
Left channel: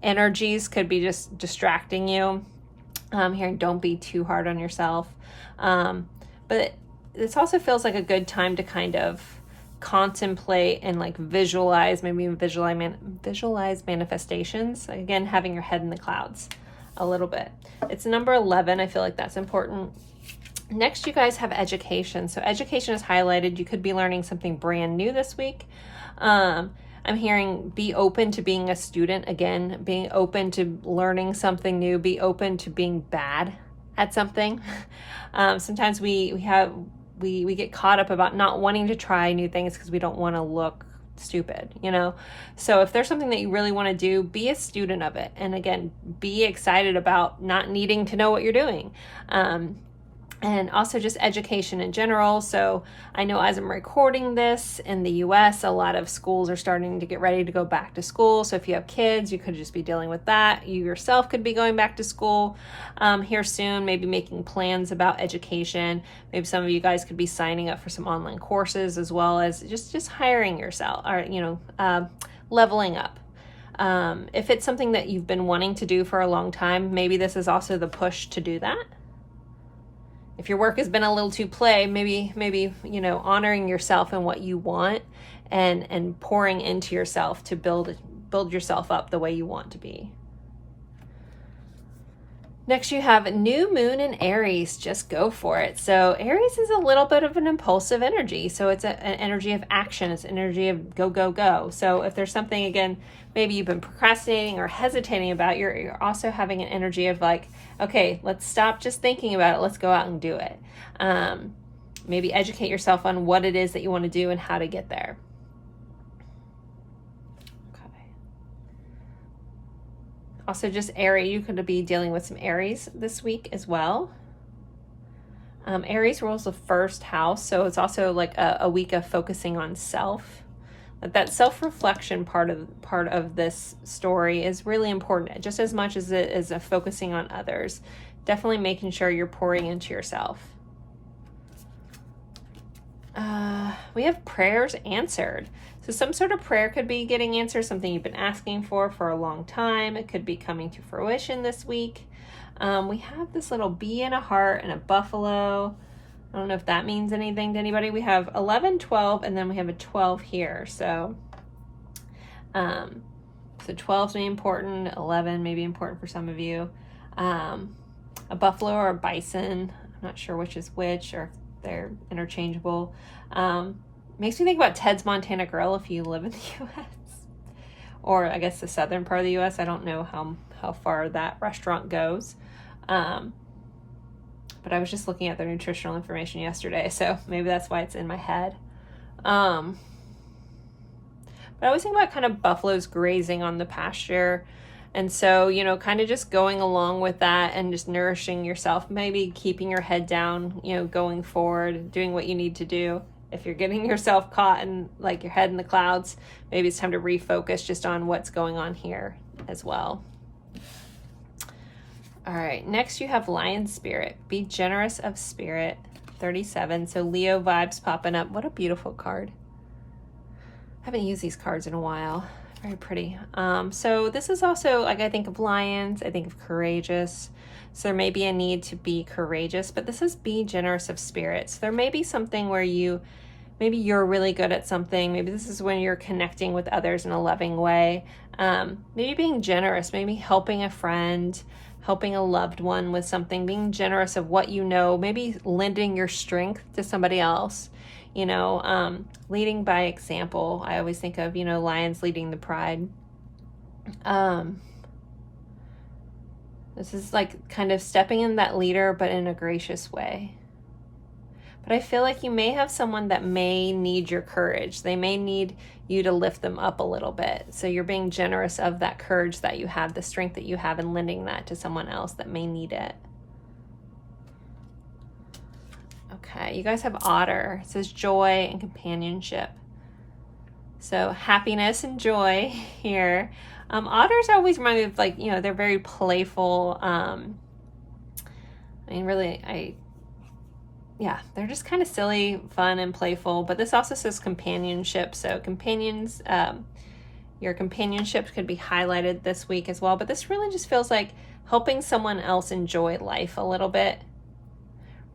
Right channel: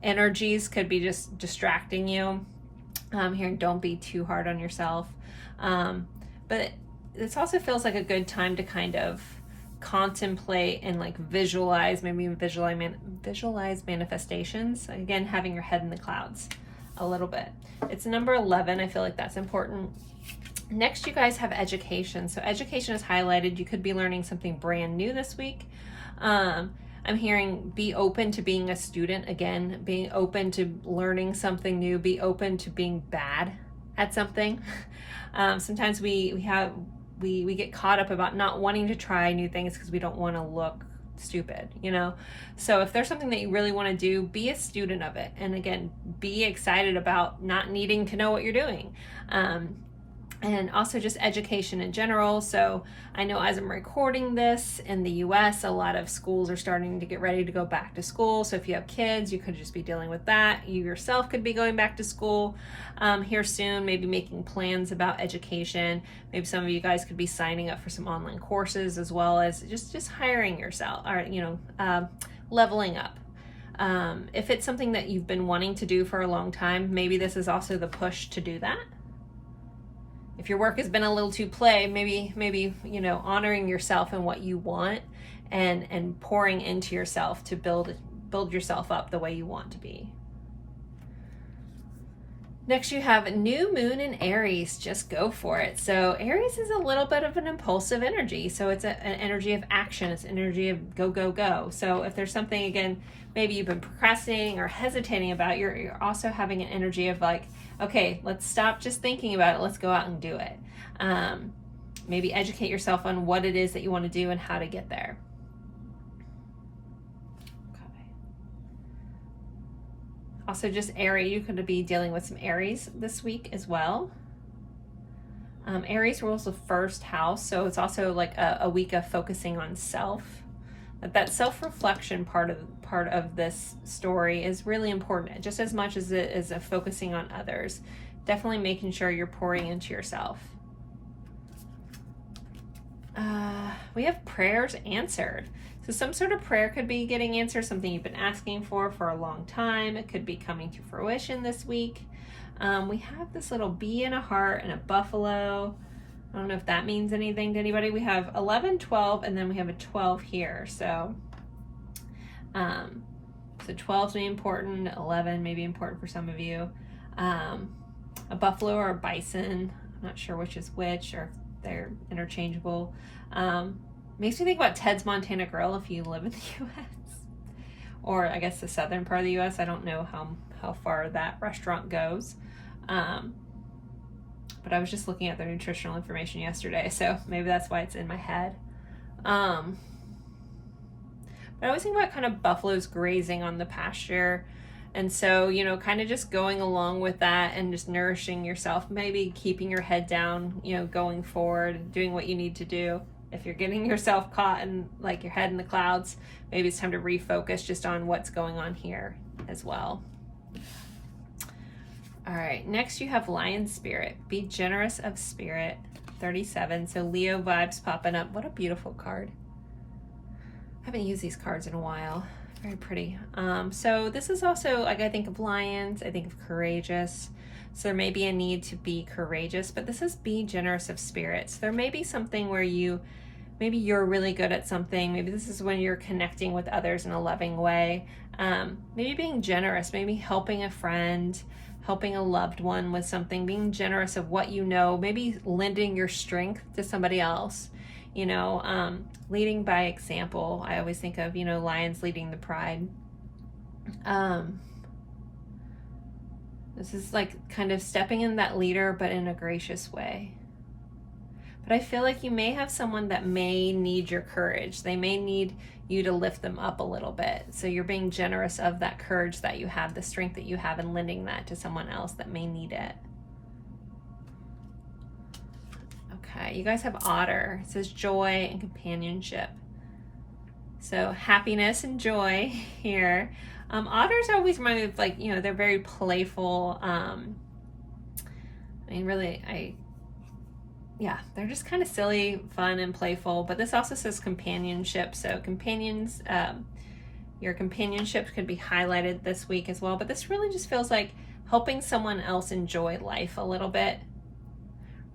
energies could be just distracting you. Hearing don't be too hard on yourself. But this also feels like a good time to kind of contemplate and like visualize, maybe even visualize manifestations. Again, having your head in the clouds a little bit. It's number 11. I feel like that's important. Next, you guys have education. So education is highlighted. You could be learning something brand new this week. I'm hearing be open to being a student. Again, being open to learning something new, be open to being bad at something. Sometimes we get caught up about not wanting to try new things because we don't want to look stupid, you know? So if there's something that you really want to do, be a student of it. And again, be excited about not needing to know what you're doing. And also just education in general. So I know as I'm recording this in the US, a lot of schools are starting to get ready to go back to school. So if you have kids, you could just be dealing with that. You yourself could be going back to school here soon, maybe making plans about education. Maybe some of you guys could be signing up for some online courses, as well as just hiring yourself, or, you know, leveling up. If it's something that you've been wanting to do for a long time, maybe this is also the push to do that. If your work has been a little too play, maybe you know, honoring yourself and what you want, and pouring into yourself to build yourself up the way you want to be. Next, you have new moon in Aries. Just go for it. So Aries is a little bit of an impulsive energy. So it's an energy of action. It's an energy of go, go, go. So if there's something, again, maybe you've been procrastinating or hesitating about, you're also having an energy of like, okay, let's stop just thinking about it. Let's go out and do it. Maybe educate yourself on what it is that you want to do and how to get there. Okay. Also just Aries, you could be dealing with some Aries this week as well. Aries rules the first house, so it's also like a week of focusing on self. That self-reflection part of this story is really important, just as much as it is focusing on others. Definitely making sure you're pouring into yourself. We have prayers answered. So some sort of prayer could be getting answered, something you've been asking for a long time. It could be coming to fruition this week. We have this little bee and a heart and a buffalo. I don't know if that means anything to anybody. We have 11, 12, and then we have a 12 here. So 12 may be important, 11 may be important for some of you. A buffalo or a bison, I'm not sure which is which, or if they're interchangeable. Makes me think about Ted's Montana Grill if you live in the U.S. Or I guess the southern part of the U.S. I don't know how far that restaurant goes. But I was just looking at their nutritional information yesterday, so maybe that's why it's in my head. But I always think about kind of buffaloes grazing on the pasture. And so, you know, kind of just going along with that and just nourishing yourself, maybe keeping your head down, you know, going forward, doing what you need to do. If you're getting yourself caught in like your head in the clouds, maybe it's time to refocus just on what's going on here as well. All right, next you have Lion Spirit. Be generous of spirit, 37. So Leo vibes popping up. What a beautiful card. I haven't used these cards in a while. Very pretty. So this is also, like, I think of lions, I think of courageous. So there may be a need to be courageous, but this is be generous of spirit. So there may be something where maybe you're really good at something. Maybe this is when you're connecting with others in a loving way. Maybe being generous, maybe helping a friend, helping a loved one with something, being generous of what you know, maybe lending your strength to somebody else, you know, leading by example. I always think of, you know, lions leading the pride. This is like kind of stepping in that leader, but in a gracious way. But I feel like you may have someone that may need your courage. They may need you to lift them up a little bit. So you're being generous of that courage that you have, the strength that you have, and lending that to someone else that may need it. Okay, you guys have Otter. It says joy and companionship. So happiness and joy here. Otters always remind me of, like, you know, they're very playful. Yeah, they're just kind of silly, fun, and playful. But this also says companionship. So companions, your companionship could be highlighted this week as well. But this really just feels like helping someone else enjoy life a little bit,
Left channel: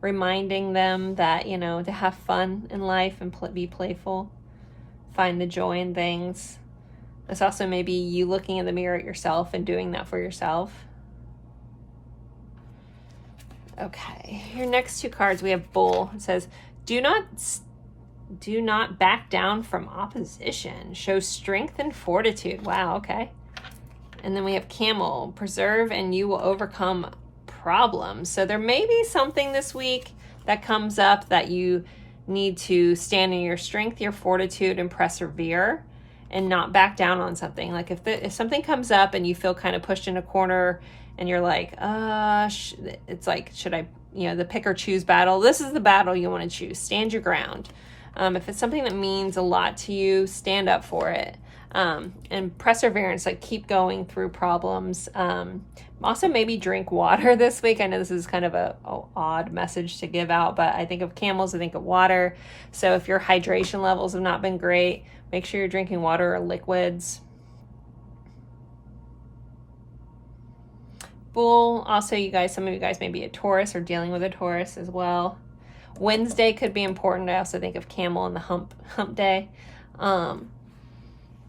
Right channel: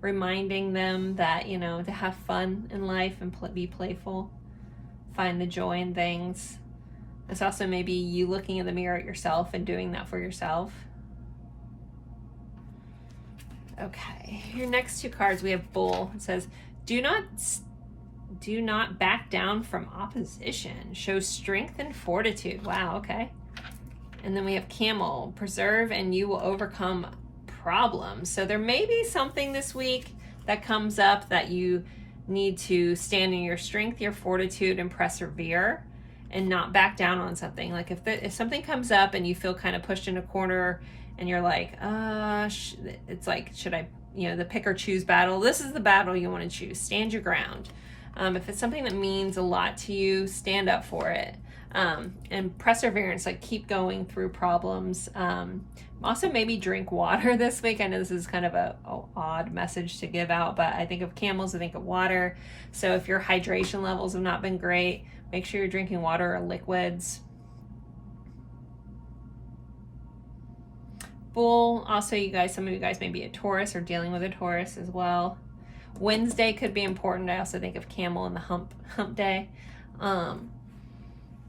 reminding them that, you know, to have fun in life and be playful, find the joy in things. It's also maybe you looking in the mirror at yourself and doing that for yourself. Okay, your next two cards, we have Bull. It says, do not back down from opposition. Show strength and fortitude. Wow, okay. And then we have Camel. Preserve and you will overcome problems. So there may be something this week that comes up that you need to stand in your strength, your fortitude, and persevere and not back down on something. Like if something comes up and you feel kind of pushed in a corner and you're like, it's like, should I, you know, the pick or choose battle. This is the battle you want to choose. Stand your ground. If it's something that means a lot to you, stand up for it. And perseverance, like keep going through problems. Also maybe drink water this week. I know this is kind of a odd message to give out, but I think of camels, I think of water. So if your hydration levels have not been great, make sure you're drinking water or liquids. Bull, also you guys, some of you guys may be a Taurus or dealing with a Taurus as well. Wednesday could be important. I also think of camel and the hump day.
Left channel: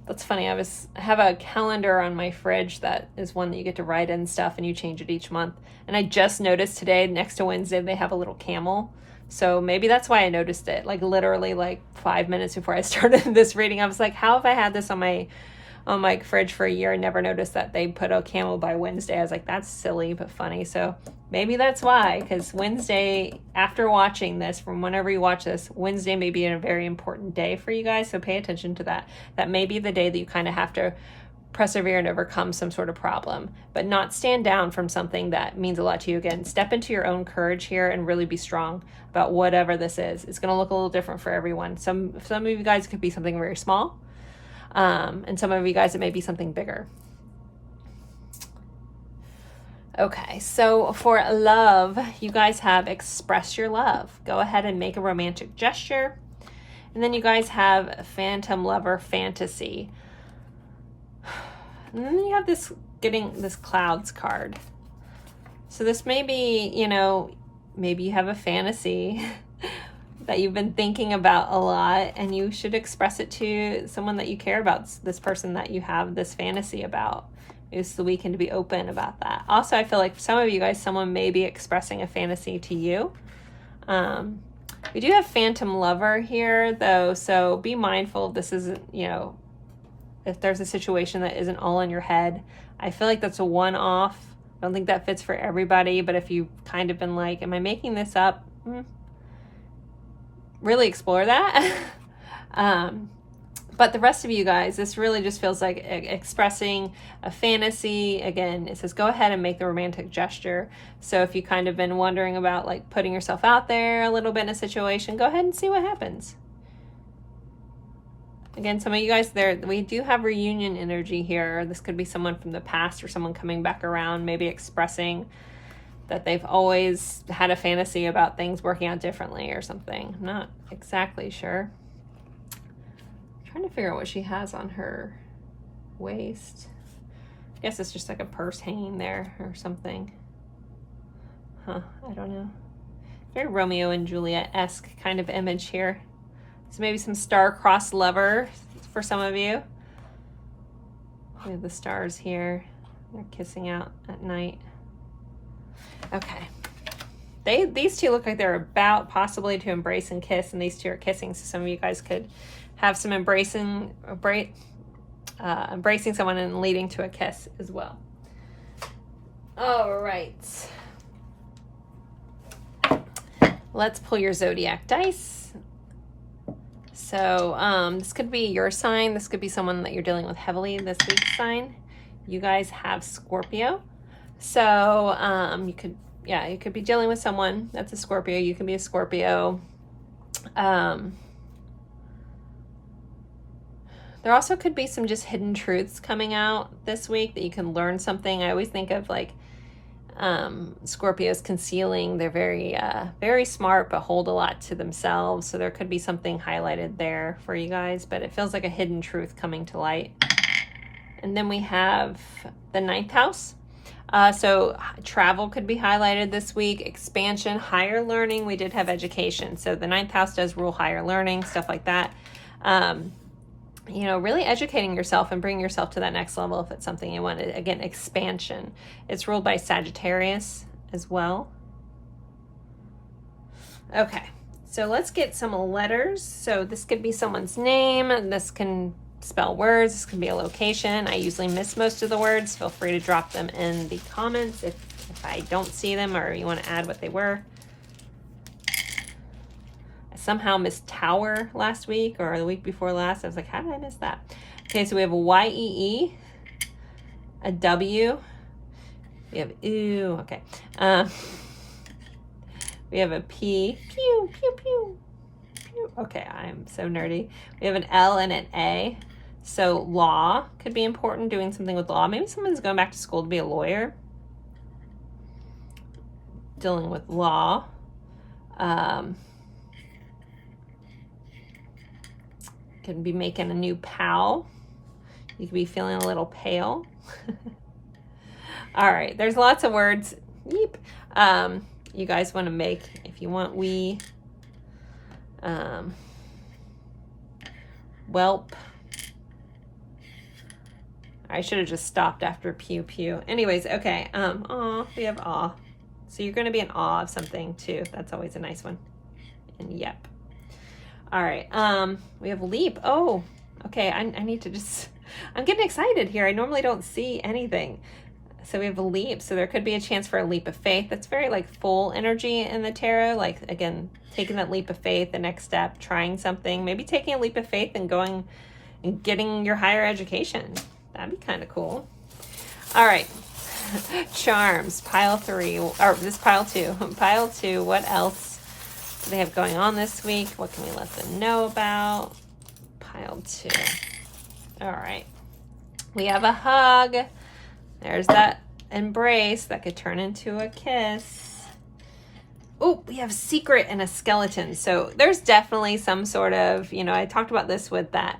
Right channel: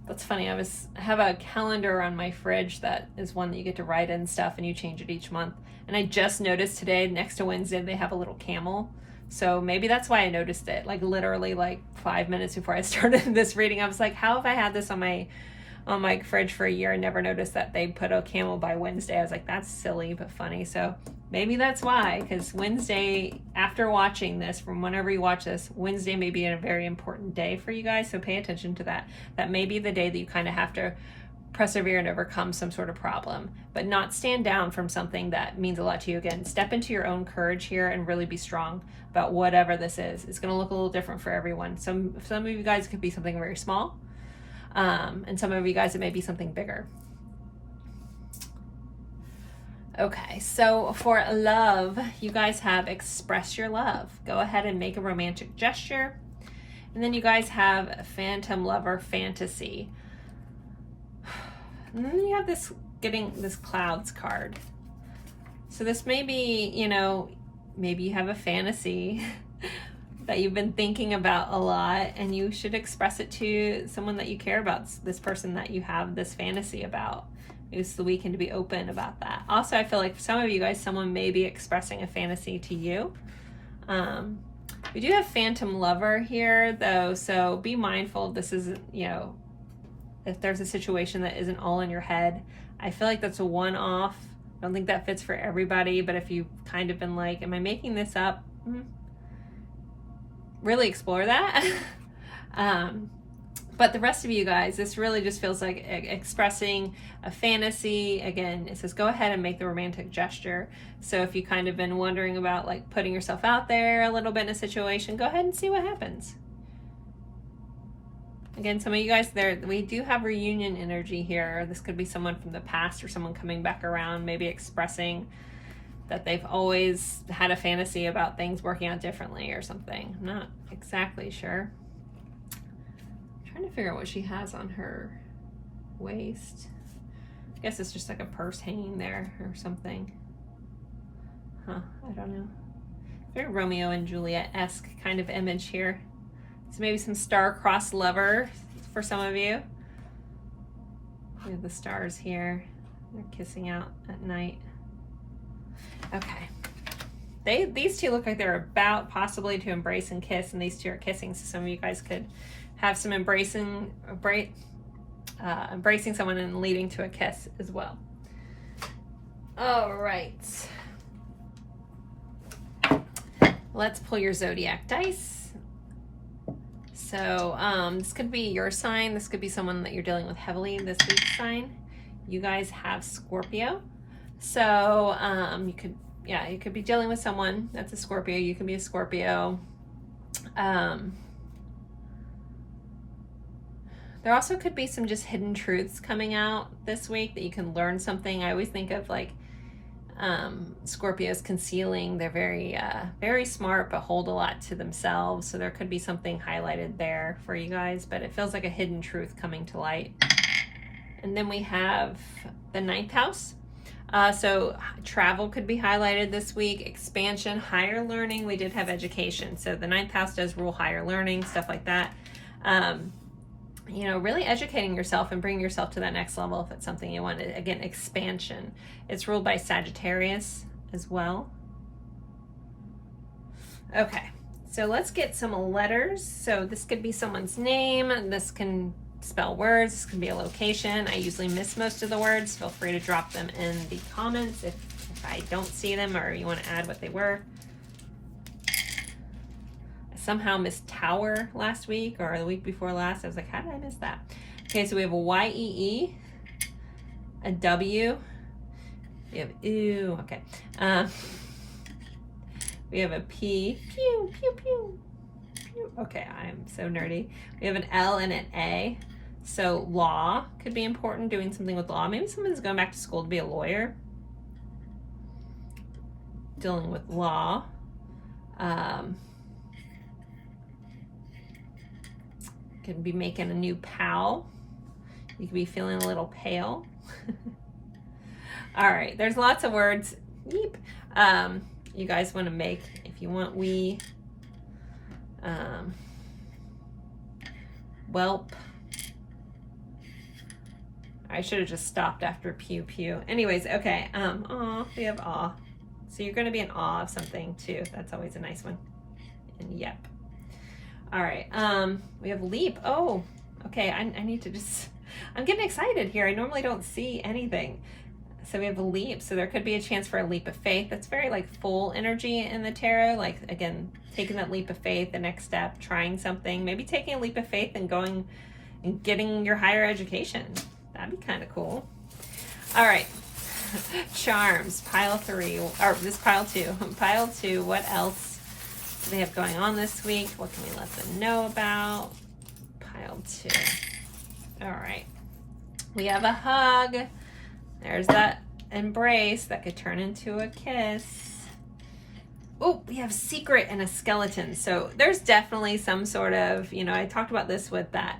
That's funny. I have a calendar on my fridge that is one that you get to write in stuff and you change it each month. And I just noticed today next to Wednesday they have a little camel. So maybe that's why I noticed it. Like literally like 5 minutes before I started this reading, I was like, how have I had this on my fridge for a year and never noticed that they put a camel by Wednesday? I was like, that's silly but funny. So maybe that's why, because Wednesday, after watching this, from whenever you watch this, Wednesday may be a very important day for you guys. So pay attention to that. That may be the day that you kind of have to persevere and overcome some sort of problem, but not stand down from something that means a lot to you. Again, step into your own courage here and really be strong about whatever this is. It's going to look a little different for everyone. Some of you guys could be something very small. And some of you guys, it may be something bigger. Okay, so for love, you guys have express your love. Go ahead and make a romantic gesture. And then you guys have phantom lover fantasy. And then you have getting this clouds card. So this may be, you know, maybe you have a fantasy that you've been thinking about a lot and you should express it to someone that you care about, this person that you have this fantasy about. Maybe it's the weekend to be open about that. Also, I feel like for some of you guys, someone may be expressing a fantasy to you. We do have phantom lover here though, so be mindful this isn't, you know, if there's a situation that isn't all in your head. I feel like that's a one-off. I don't think that fits for everybody, but if you've kind of been like, am I making this up? Really explore that. But the rest of you guys, this really just feels like expressing a fantasy. Again, it says go ahead and make the romantic gesture. So if you kind of been wondering about like putting yourself out there a little bit in a situation, go ahead and see what happens. Again, some of you guys there, we do have reunion energy here. This could be someone from the past or someone coming back around, maybe expressing that they've always had a fantasy about things working out differently or something. I'm not exactly sure. I'm trying to figure out what she has on her waist. I guess it's just like a purse hanging there or something. I don't know. Very Romeo and Juliet-esque kind of image here. So maybe some star-crossed lover for some of you. We have the stars here. They're kissing out at night. Okay. These two look like they're about possibly to embrace and kiss, and these two are kissing. So some of you guys could have some embracing someone and leading to a kiss as well. All right. Let's pull your zodiac dice. So this could be your sign. This could be someone that you're dealing with heavily this week's sign. You guys have Scorpio. So you could be dealing with someone that's a Scorpio. You can be a Scorpio. There also could be some just hidden truths coming out this week that you can learn something. I always think of like Scorpios concealing. They're very smart, but hold a lot to themselves. So there could be something highlighted there for you guys, but it feels like a hidden truth coming to light. And then we have the ninth house. So travel could be highlighted this week, expansion, higher learning. We did have education. So the 9th house does rule higher learning, stuff like that. You know, really educating yourself and bringing yourself to that next level if it's something you want. Again, expansion. It's ruled by Sagittarius as well. Okay, so let's get some letters. So this could be someone's name, and this can spell words, this can be a location. I usually miss most of the words. Feel free to drop them in the comments if I don't see them or you want to add what they were. I somehow missed tower last week or the week before last. I was like, how did I miss that? Okay, so we have a Y-E-E, a W, we have ooh, okay. We have a P, pew, pew, pew, pew. Okay, I'm so nerdy. We have an L and an A. So law could be important, doing something with law. Maybe someone's going back to school to be a lawyer. Dealing with law. Could be making a new pal. You could be feeling a little pale. All right, there's lots of words. Yeep. You guys want to make, if you want, whelp. I should have just stopped after pew pew. Anyways, okay. Aw, we have awe. So you're going to be in awe of something too. That's always a nice one. And yep. All right. We have leap. Oh, okay. I need to just, I'm getting excited here. I normally don't see anything. So we have a leap. So there could be a chance for a leap of faith. That's very like full energy in the tarot. Like, again, taking that leap of faith, the next step, trying something, maybe taking a leap of faith and going and getting your higher education. That'd be kind of cool. All right. Charms, pile 3, or this pile 2. Pile 2, what else do they have going on this week? What can we let them know about? Pile 2. All right. We have a hug. There's that embrace that could turn into a kiss. Oh, we have secret and a skeleton. So there's definitely some sort of, you know, I talked about this with that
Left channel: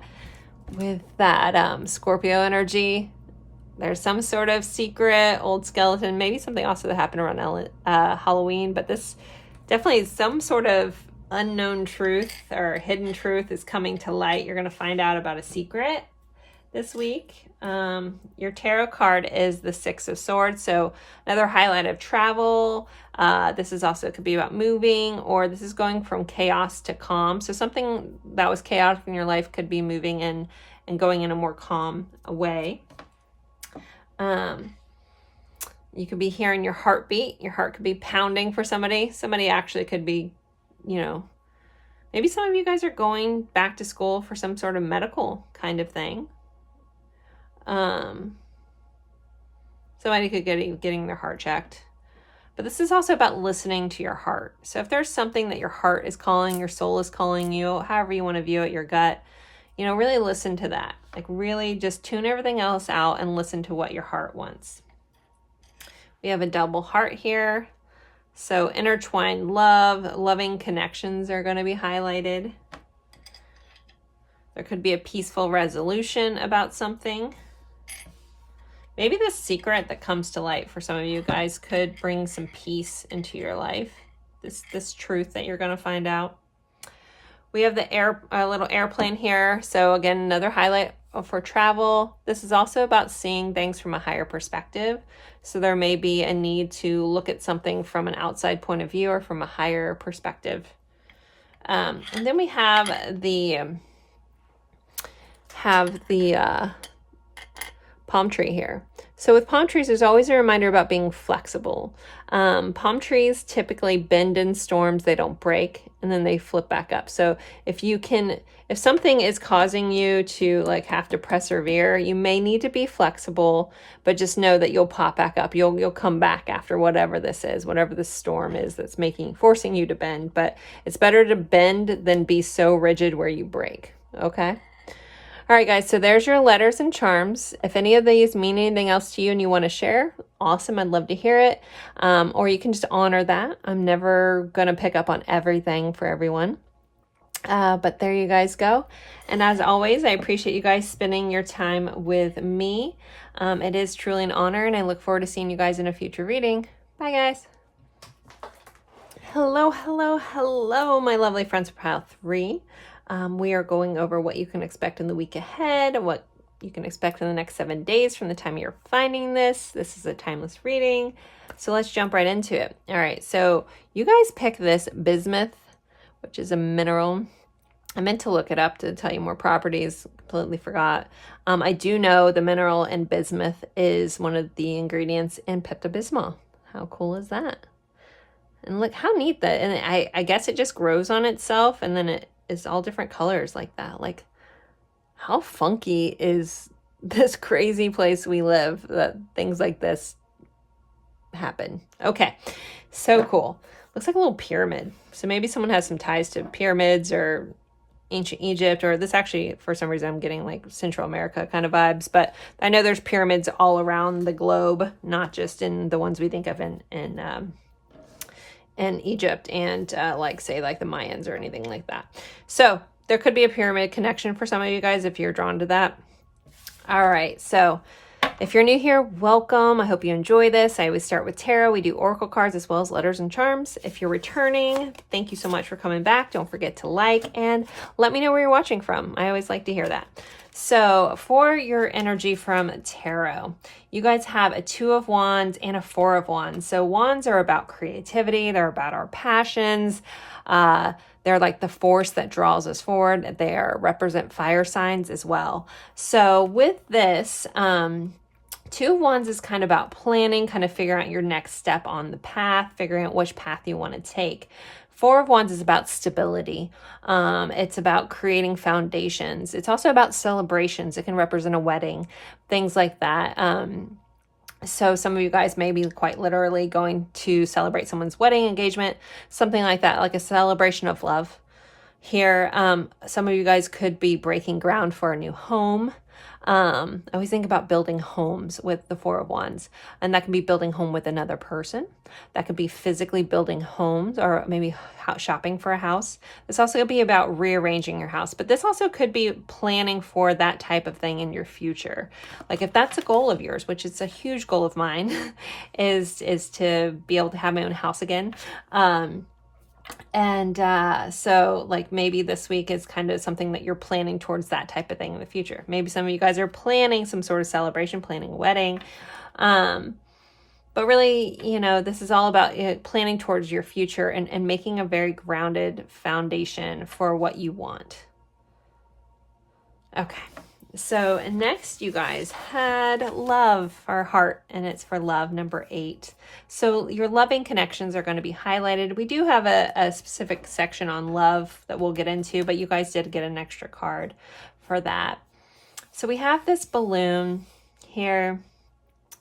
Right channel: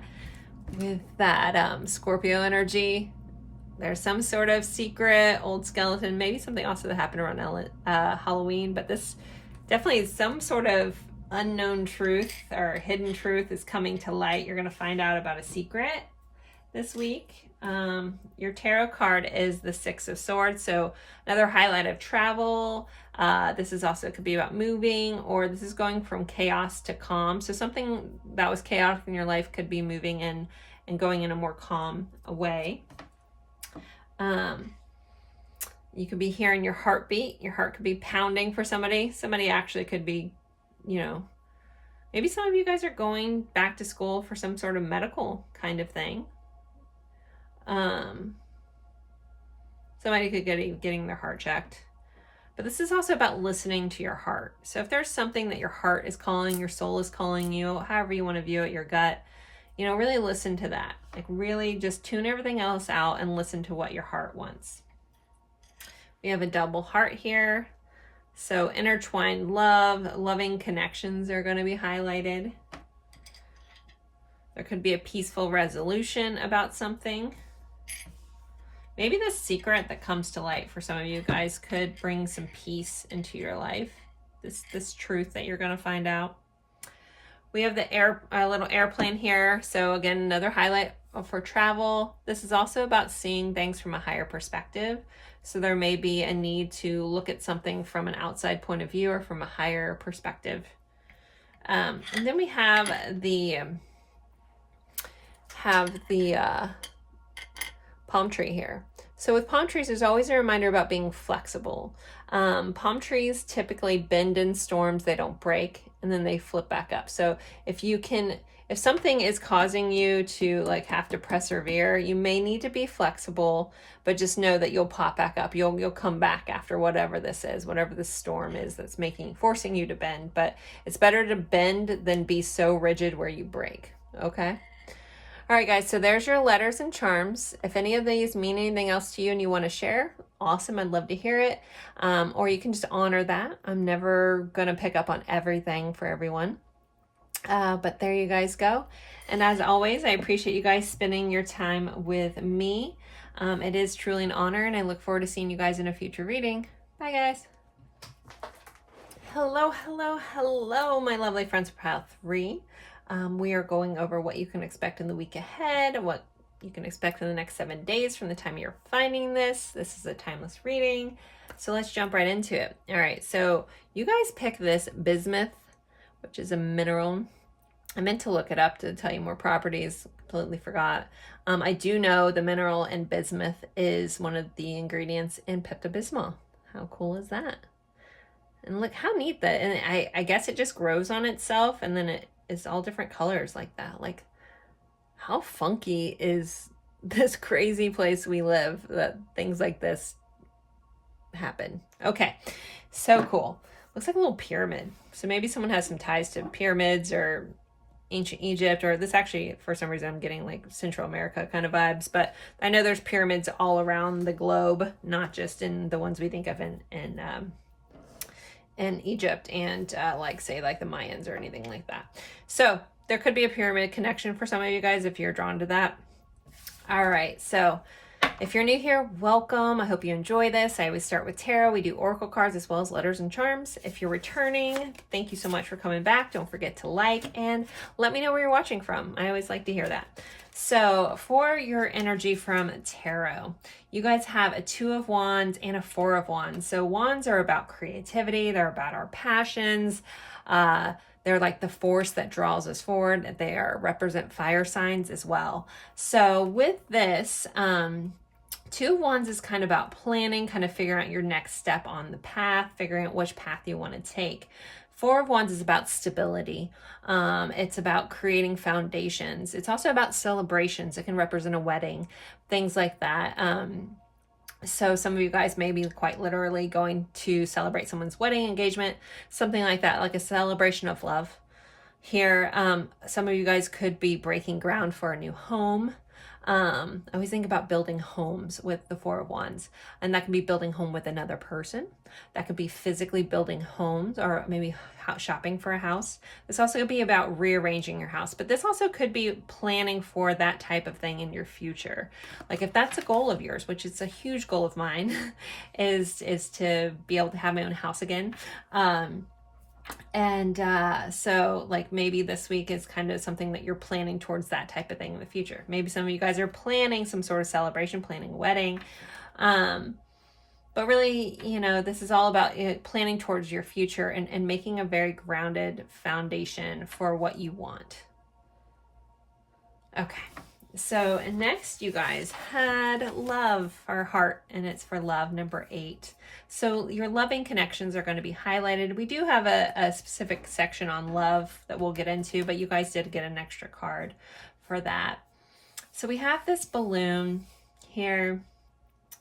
Scorpio energy. There's some sort of secret old skeleton, maybe something also that happened around Halloween, but this definitely some sort of unknown truth or hidden truth is coming to light. You're going to find out about a secret this week. Your tarot card is the 6 of Swords, so another highlight of travel. This is also, it could be about moving, or this is going from chaos to calm. So something that was chaotic in your life could be moving in and going in a more calm way. You could be hearing your heartbeat. Your heart could be pounding for somebody. Somebody actually could be, you know, maybe some of you guys are going back to school for some sort of medical kind of thing. Somebody could get getting their heart checked. But this is also about listening to your heart. So if there's something that your heart is calling, your soul is calling you, however you want to view it, your gut, you know, really listen to that. Like really just tune everything else out and listen to what your heart wants. We have a double heart here. So intertwined love, loving connections are going to be highlighted. There could be a peaceful resolution about something. Maybe this secret that comes to light for some of you guys could bring some peace into your life. This truth that you're going to find out. We have the little airplane here. So again, another highlight for travel. This is also about seeing things from a higher perspective. So there may be a need to look at something from an outside point of view or from a higher perspective. And then we have the palm tree here. So with palm trees, there's always a reminder about being flexible. Palm trees typically bend in storms, they don't break, and then they flip back up. So if something is causing you to like have to persevere, you may need to be flexible, but just know that you'll pop back up. You'll come back after whatever this is, whatever this storm is that's forcing you to bend. But it's better to bend than be so rigid where you break. Okay? All right, guys, so there's your letters and charms. If any of these mean anything else to you and you want to share, awesome. I'd love to hear it. Or you can just honor that. I'm never going to pick up on everything for everyone. But there you guys go. And as always, I appreciate you guys spending your time with me. It is truly an honor, and I look forward to seeing you guys in a future reading. Bye, guys. Hello, hello, hello, my lovely friends for pile 3. We are going over what you can expect in the week ahead, what you can expect in the next 7 days from the time you're finding this. This is a timeless reading. So let's jump right into it. All right, so you guys pick this bismuth, which is a mineral. I meant to look it up to tell you more properties, completely forgot. I do know the mineral in bismuth is one of the ingredients in Pepto-Bismol. How cool is that? And look how neat that, and I guess it just grows on itself, and then it is all different colors like that. Like, how funky is this crazy place we live that things like this happen? Okay, so cool. Looks like a little pyramid. So maybe someone has some ties to pyramids or ancient Egypt, or this actually, for some reason, I'm getting like Central America kind of vibes, but I know there's pyramids all around the globe, not just in the ones we think of in Egypt and like say like the Mayans or anything like that. So there could be a pyramid connection for some of you guys if you're drawn to that. All right, so if you're new here, welcome. I hope you enjoy this. I always start with tarot. We do oracle cards as well as letters and charms. If you're returning, thank you so much for coming back. Don't forget to like and let me know where you're watching from. I always like to hear that. So for your energy from tarot, you guys have a 2 of Wands and a 4 of Wands. So wands are about creativity. They're about our passions. They're like the force that draws us forward. They represent fire signs as well. So with this, 2 of Wands is kind of about planning, kind of figuring out your next step on the path, figuring out which path you want to take. 4 of Wands is about stability. It's about creating foundations. It's also about celebrations. It can represent a wedding, things like that. So some of you guys may be quite literally going to celebrate someone's wedding, engagement, something like that, like a celebration of love. Here, some of you guys could be breaking ground for a new home. I always think about building homes with the 4 of Wands, and that can be building home with another person. That could be physically building homes, or maybe shopping for a house. This also could be about rearranging your house, but this also could be planning for that type of thing in your future. Like if that's a goal of yours, which is a huge goal of mine, is to be able to have my own house again. So like maybe this week is kind of something that you're planning towards that type of thing in the future. Maybe some of you guys are planning some sort of celebration, planning a wedding. But really, you know, this is all about planning towards your future and making a very grounded foundation for what you want. Okay. So next you guys had love or heart, and it's for love, number 8. So your loving connections are going to be highlighted. We do have a specific section on love that we'll get into, but you guys did get an extra card for that. So we have this balloon here.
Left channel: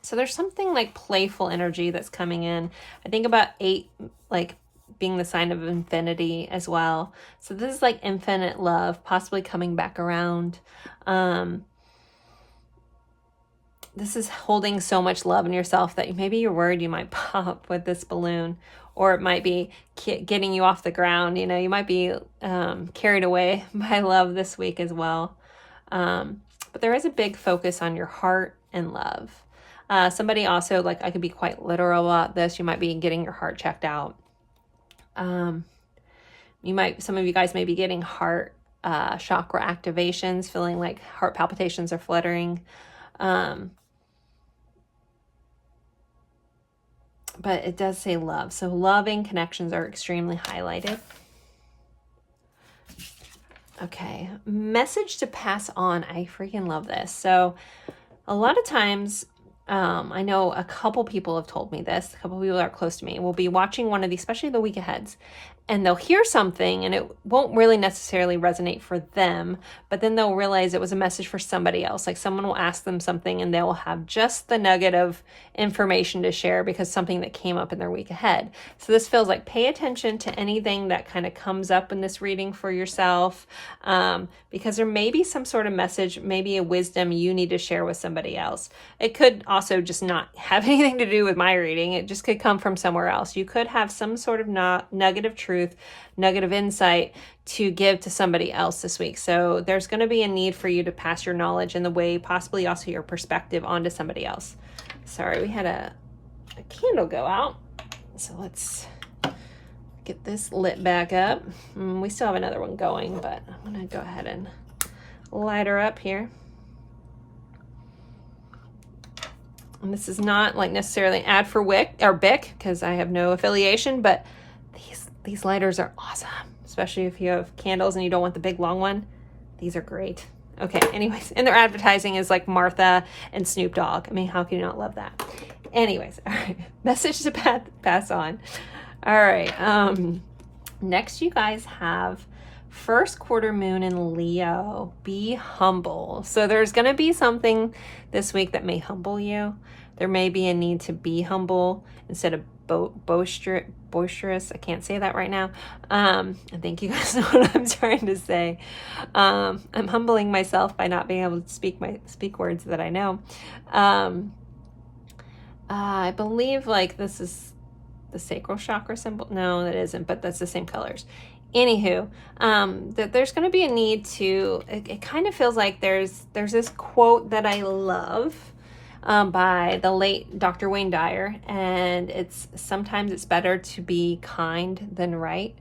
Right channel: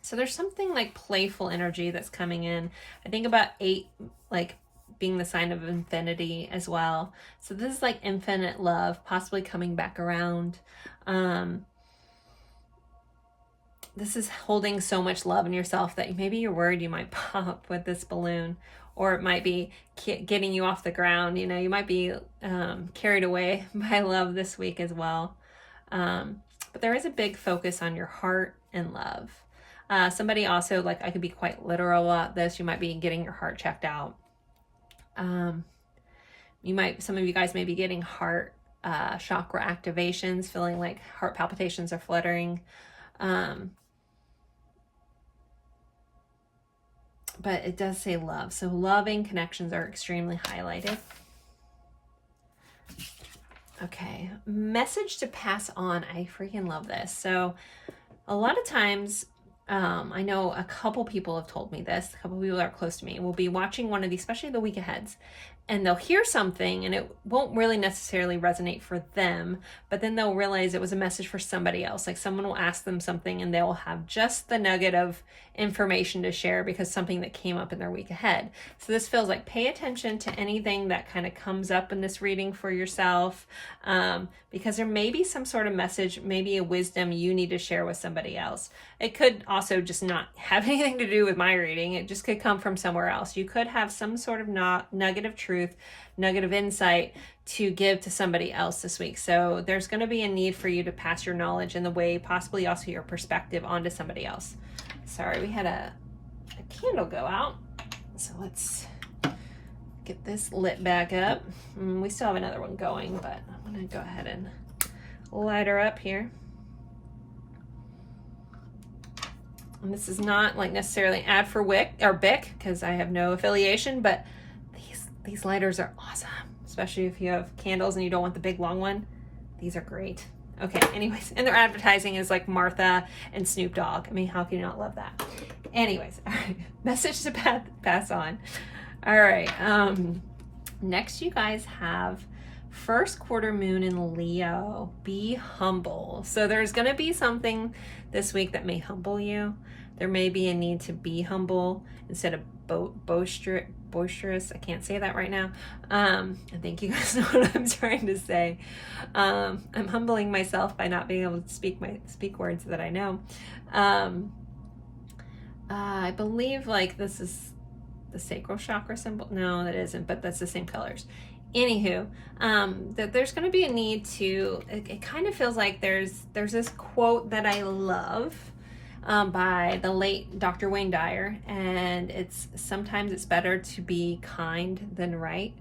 So there's something like playful energy that's coming in. I think about 8 like being the sign of infinity as well. So this is like infinite love, possibly coming back around. This is holding so much love in yourself that maybe you're worried you might pop with this balloon, or it might be getting you off the ground. You know, you might be carried away by love this week as well. But there is a big focus on your heart and love. Somebody also, like, I could be quite literal about this. You might be getting your heart checked out. Some of you guys may be getting heart chakra activations, feeling like heart palpitations are fluttering. But it does say love. So loving connections are extremely highlighted. Okay, message to pass on. I freaking love this. So a lot of times, I know a couple people have told me this, a couple people that are close to me will be watching one of these, especially the week aheads, and they'll hear something and it won't really necessarily resonate for them, but then they'll realize it was a message for somebody else. Like someone will ask them something and they'll have just the nugget of information to share because something that came up in their week ahead. So this feels like pay attention to anything that kind of comes up in this reading for yourself, because there may be some sort of message, maybe a wisdom you need to share with somebody else. It could also just not have anything to do with my reading. It just could come from somewhere else. You could have some sort of nugget of truth, nugget of insight to give to somebody else this week. So there's going to be a need for you to pass your knowledge in the way, possibly also your perspective, onto somebody else. Sorry, we had a candle go out. So let's get this lit back up. We still have another one going, but I'm going to go ahead and light her up here. And this is not like necessarily an ad for Wick or Bic, because I have no affiliation, but these lighters are awesome, especially if you have candles and you don't want the big long one. These are great. Okay, anyways, and their advertising is like Martha and Snoop Dogg. I mean, how can you not love that? Anyways, all right, message to pass on. All right, next you guys have first quarter moon in Leo. Be humble. So there's going to be something this week that may humble you. There may be a need to be humble instead of boisterous. I can't say that right now. I think you guys know what I'm trying to say. I'm humbling myself by not being able to speak words that I know. I believe like this is the sacral chakra symbol. No, that isn't, but that's the same colors. Anywho, that there's going to be a need to, it kind of feels like there's this quote that I love by the late Dr. Wayne Dyer, and sometimes it's better to be kind than right.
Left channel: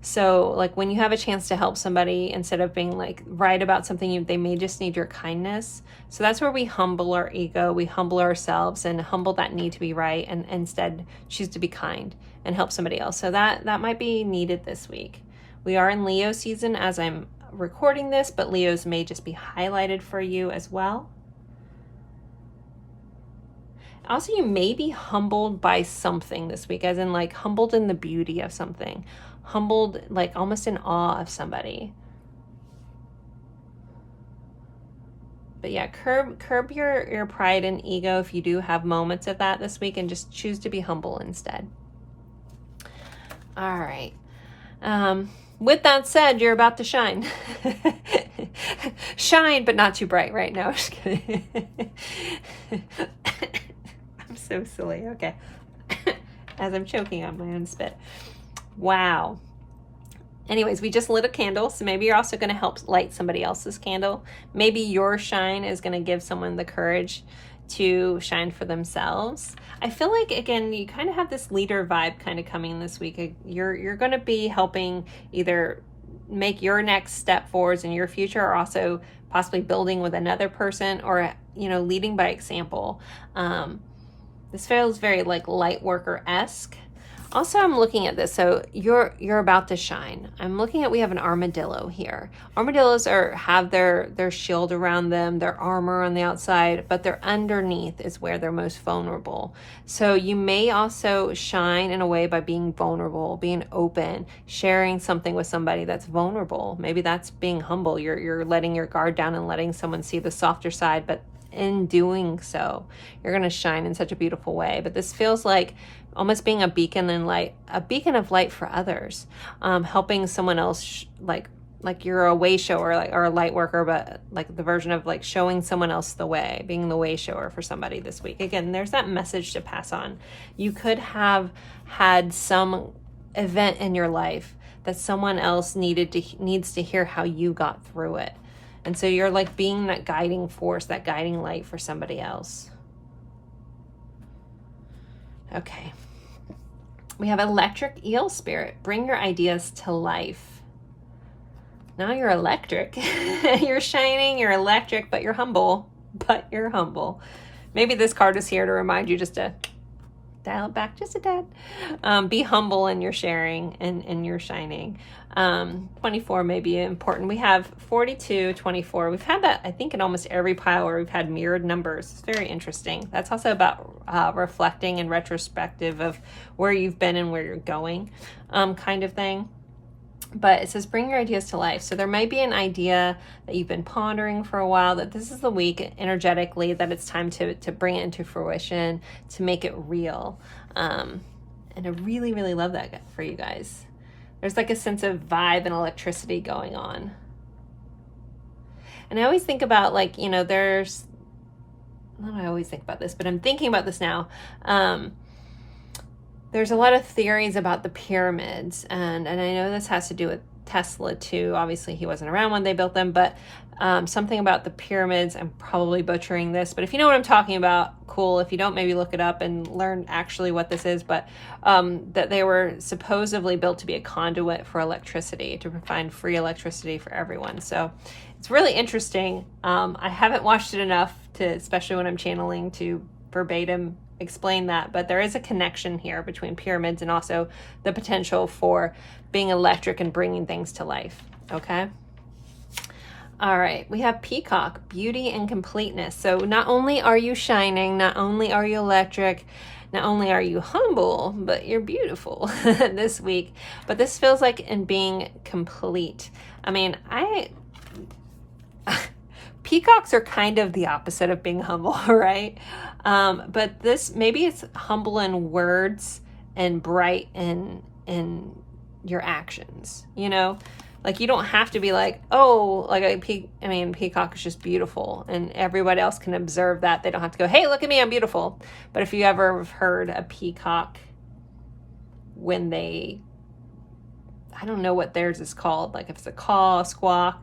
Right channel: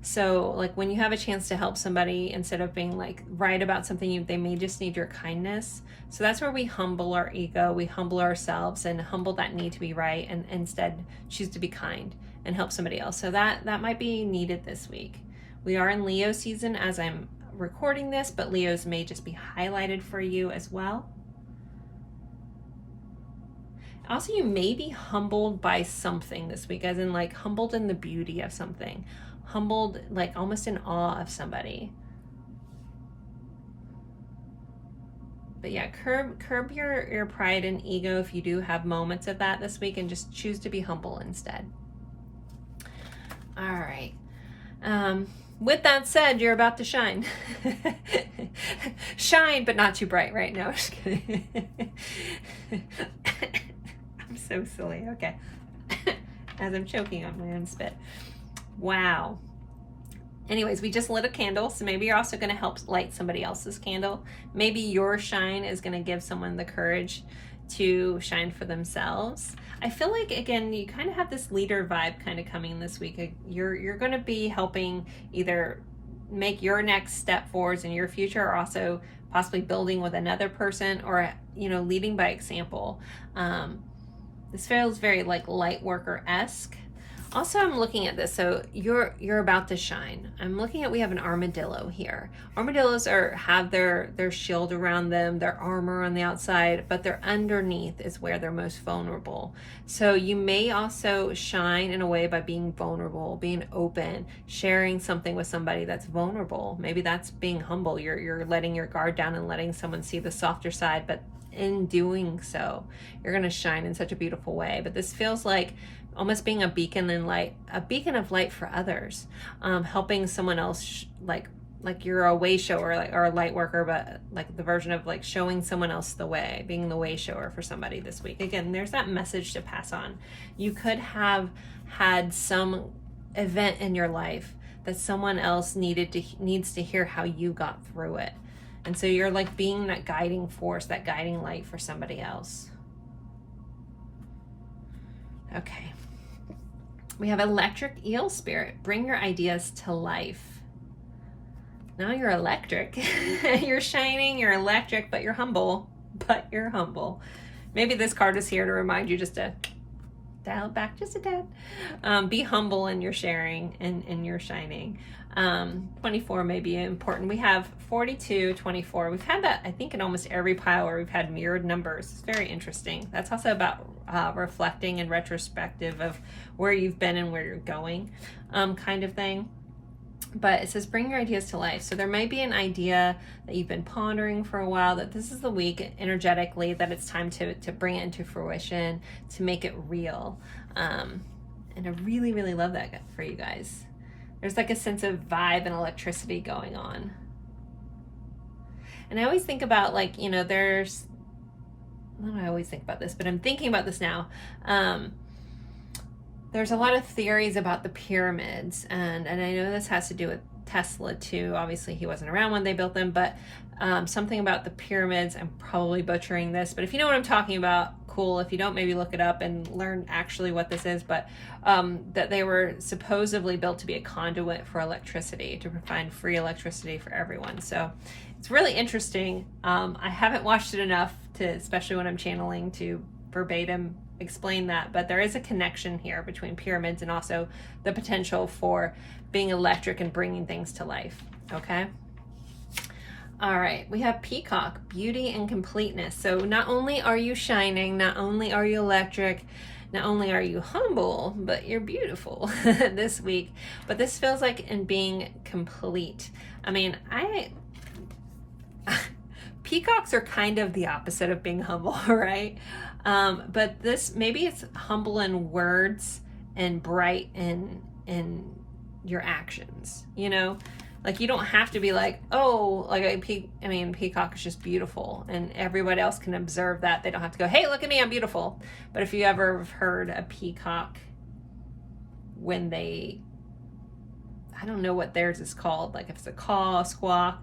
So like when you have a chance to help somebody, instead of being like right about something, they may just need your kindness. So that's where we humble our ego, we humble ourselves and humble that need to be right, and instead choose to be kind and help somebody else. So that might be needed this week. We are in Leo season as I'm recording this, but Leos may just be highlighted for you as well. Also, you may be humbled by something this week, as in like humbled in the beauty of something, humbled like almost in awe of somebody. But yeah, curb your pride and ego if you do have moments of that this week, and just choose to be humble instead. All right. With that said, you're about to shine. Shine, but not too bright right now. Just kidding. I'm so silly. Okay. As I'm choking on my own spit. Wow. Anyways, we just lit a candle, so maybe you're also going to help light somebody else's candle. Maybe your shine is going to give someone the courage to shine for themselves. I feel like, again, you kind of have this leader vibe kind of coming this week. You're going to be helping either make your next step forwards in your future, or also possibly building with another person, or, leading by example. This feels very like light worker-esque. Also, I'm looking at this. So you're about to shine. I'm looking at, we have an armadillo here. Armadillos have their shield around them, their armor on the outside, but their underneath is where they're most vulnerable. So you may also shine in a way by being vulnerable, being open, sharing something with somebody that's vulnerable. Maybe that's being humble. You're letting your guard down and letting someone see the softer side, but in doing so, you're going to shine in such a beautiful way. But this feels like almost being a beacon of light for others, helping someone else, like you're a way shower, or a light worker, but like the version of like showing someone else the way, being the way shower for somebody this week. Again, there's that message to pass on. You could have had some event in your life that someone else needs to hear how you got through it. And so you're like being that guiding force, that guiding light for somebody else. Okay. We have electric eel spirit. Bring your ideas to life. Now you're electric. You're shining, you're electric, but you're humble. Maybe this card is here to remind you just to dial it back just a tad. Be humble in your sharing and your shining. 24 may be important. We have 42, 24. We've had that, I think, in almost every pile where we've had mirrored numbers. It's very interesting. That's also about reflecting and retrospective of where you've been and where you're going, kind of thing. But it says bring your ideas to life. So there might be an idea that you've been pondering for a while, that this is the week energetically that it's time to bring it into fruition, to make it real. And I really, really love that for you guys. There's like a sense of vibe and electricity going on. And I always think about, like, you know, there's, I don't always think about this, but I'm thinking about this now. There's a lot of theories about the pyramids, and I know this has to do with Tesla too. Obviously, he wasn't around when they built them, but something about the pyramids, I'm probably butchering this, but if you know what I'm talking about, cool. If you don't, maybe look it up and learn actually what this is, but that they were supposedly built to be a conduit for electricity, to provide free electricity for everyone. So it's really interesting. I haven't watched it enough to, especially when I'm channeling, to verbatim explain that, but there is a connection here between pyramids and also the potential for being electric and bringing things to life. Okay. All right, we have peacock, beauty and completeness. So not only are you shining, not only are you electric, not only are you humble, but you're beautiful this week. But this feels like in being complete. I mean, peacocks are kind of the opposite of being humble, right? But this, maybe it's humble in words and bright in your actions, you know? Like, you don't have to be like, oh, like peacock is just beautiful, and everybody else can observe that. They don't have to go, hey, look at me, I'm beautiful. But if you ever have heard a peacock when they, I don't know what theirs is called, like if it's a caw, a squawk.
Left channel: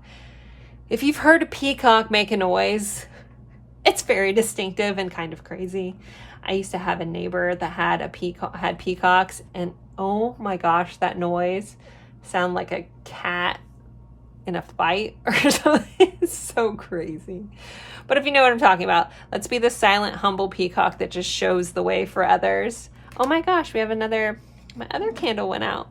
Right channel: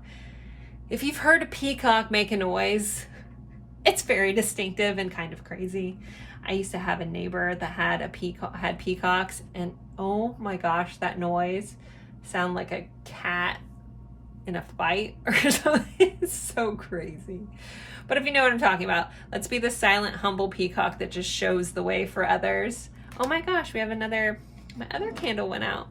If you've heard a peacock make a noise, it's very distinctive and kind of crazy. I used to have a neighbor that had peacocks, and oh my gosh, that noise sound like a cat in a fight or something. It's so crazy. But if you know what I'm talking about, let's be the silent, humble peacock that just shows the way for others. Oh my gosh, we have my other candle went out.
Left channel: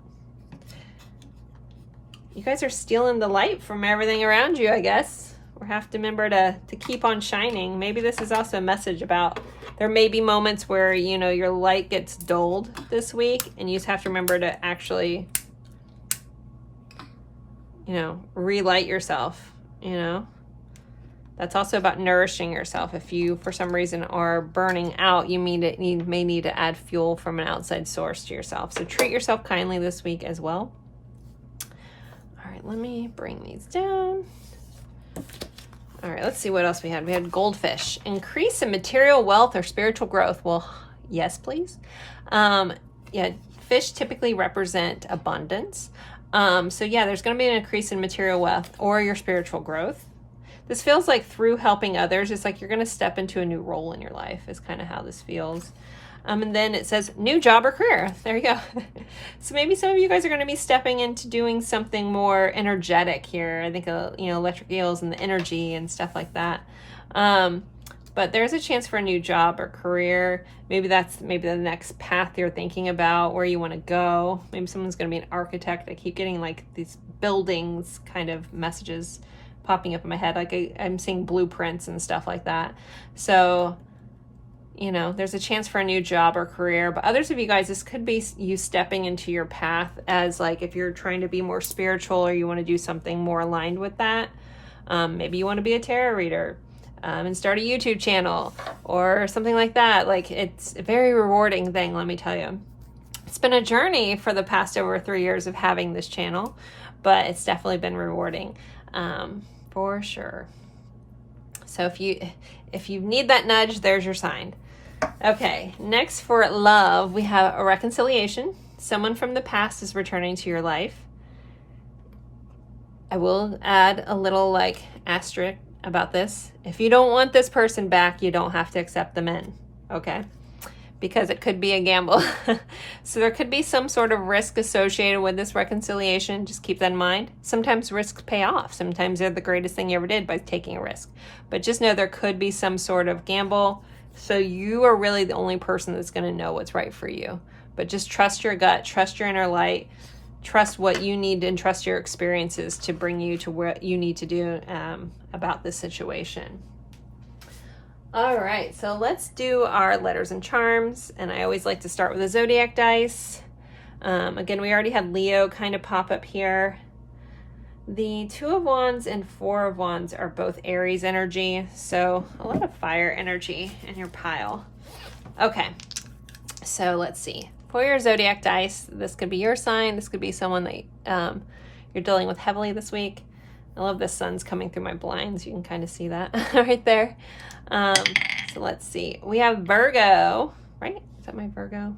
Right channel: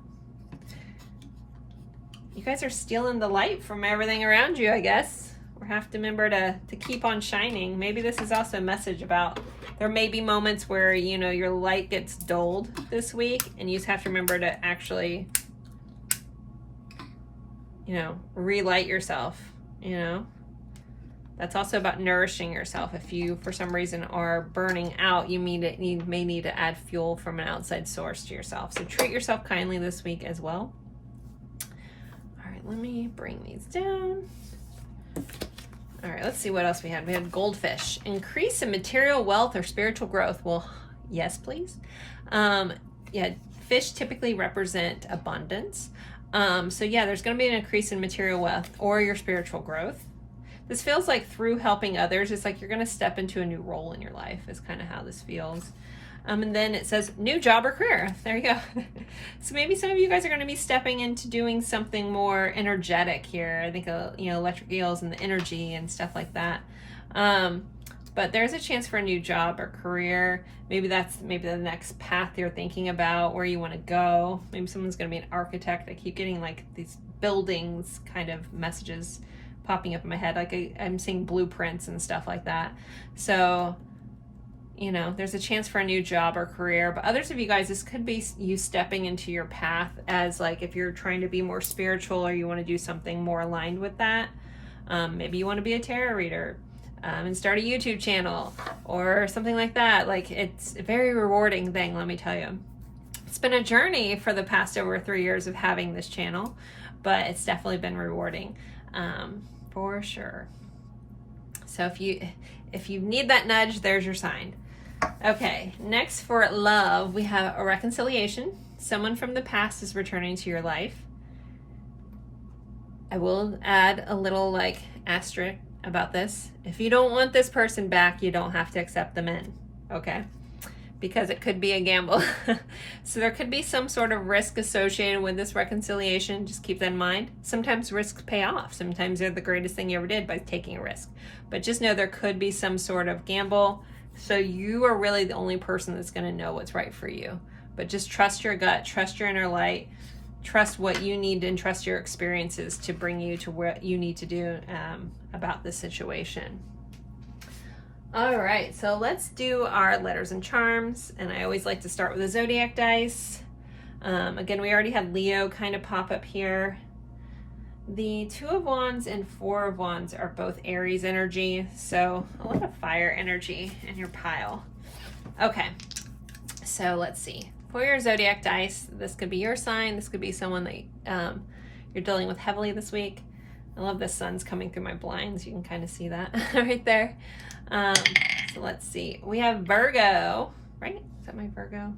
You guys are stealing the light from everything around you, I guess. We have to remember to keep on shining. Maybe this is also a message about, there may be moments where, you know, your light gets dulled this week, and you just have to remember to actually, you know, relight yourself, you know. That's also about nourishing yourself. If you, for some reason, are burning out, you may need to add fuel from an outside source to yourself. So treat yourself kindly this week as well. All right, let me bring these down. All right, let's see what else we had. We had goldfish. Increase in material wealth or spiritual growth. Well, yes, please. Yeah, fish typically represent abundance. So yeah, there's going to be an increase in material wealth or your spiritual growth. This feels like through helping others, it's like you're going to step into a new role in your life is kind of how this feels. And then it says new job or career. There you go. So maybe some of you guys are going to be stepping into doing something more energetic here. I think, you know, electric eels and the energy and stuff like that. But there's a chance for a new job or career. Maybe that's the next path you're thinking about, where you want to go. Maybe someone's going to be an architect. I keep getting like these buildings kind of messages popping up in my head. Like I'm seeing blueprints and stuff like that. So, you know, there's a chance for a new job or career. But others of you guys, this could be you stepping into your path as like if you're trying to be more spiritual or you want to do something more aligned with that. Maybe you want to be a tarot reader. And start a YouTube channel or something like that. Like, it's a very rewarding thing, let me tell you. It's been a journey for the past over 3 years of having this channel, but it's definitely been rewarding, for sure. So if you need that nudge, there's your sign. Okay, next for love, we have a reconciliation. Someone from the past is returning to your life. I will add a little like asterisk about this. If you don't want this person back, you don't have to accept them in, okay? Because it could be a gamble. So there could be some sort of risk associated with this reconciliation. Just keep that in mind. Sometimes risks pay off. Sometimes they're the greatest thing you ever did by taking a risk. But just know there could be some sort of gamble. So you are really the only person that's going to know what's right for you. But just trust your gut, trust your inner light, trust what you need, and trust your experiences to bring you to what you need to do about this situation. All right, so let's do our letters and charms. And I always like to start with a zodiac dice. Again, we already had Leo kind of pop up here. The Two of Wands and Four of Wands are both Aries energy, so a lot of fire energy in your pile. Okay, so let's see. For your zodiac dice, this could be your sign. This could be someone that you're dealing with heavily this week. I love the sun's coming through my blinds. You can kind of see that right there. So let's see. We have Virgo, right? Is that my Virgo?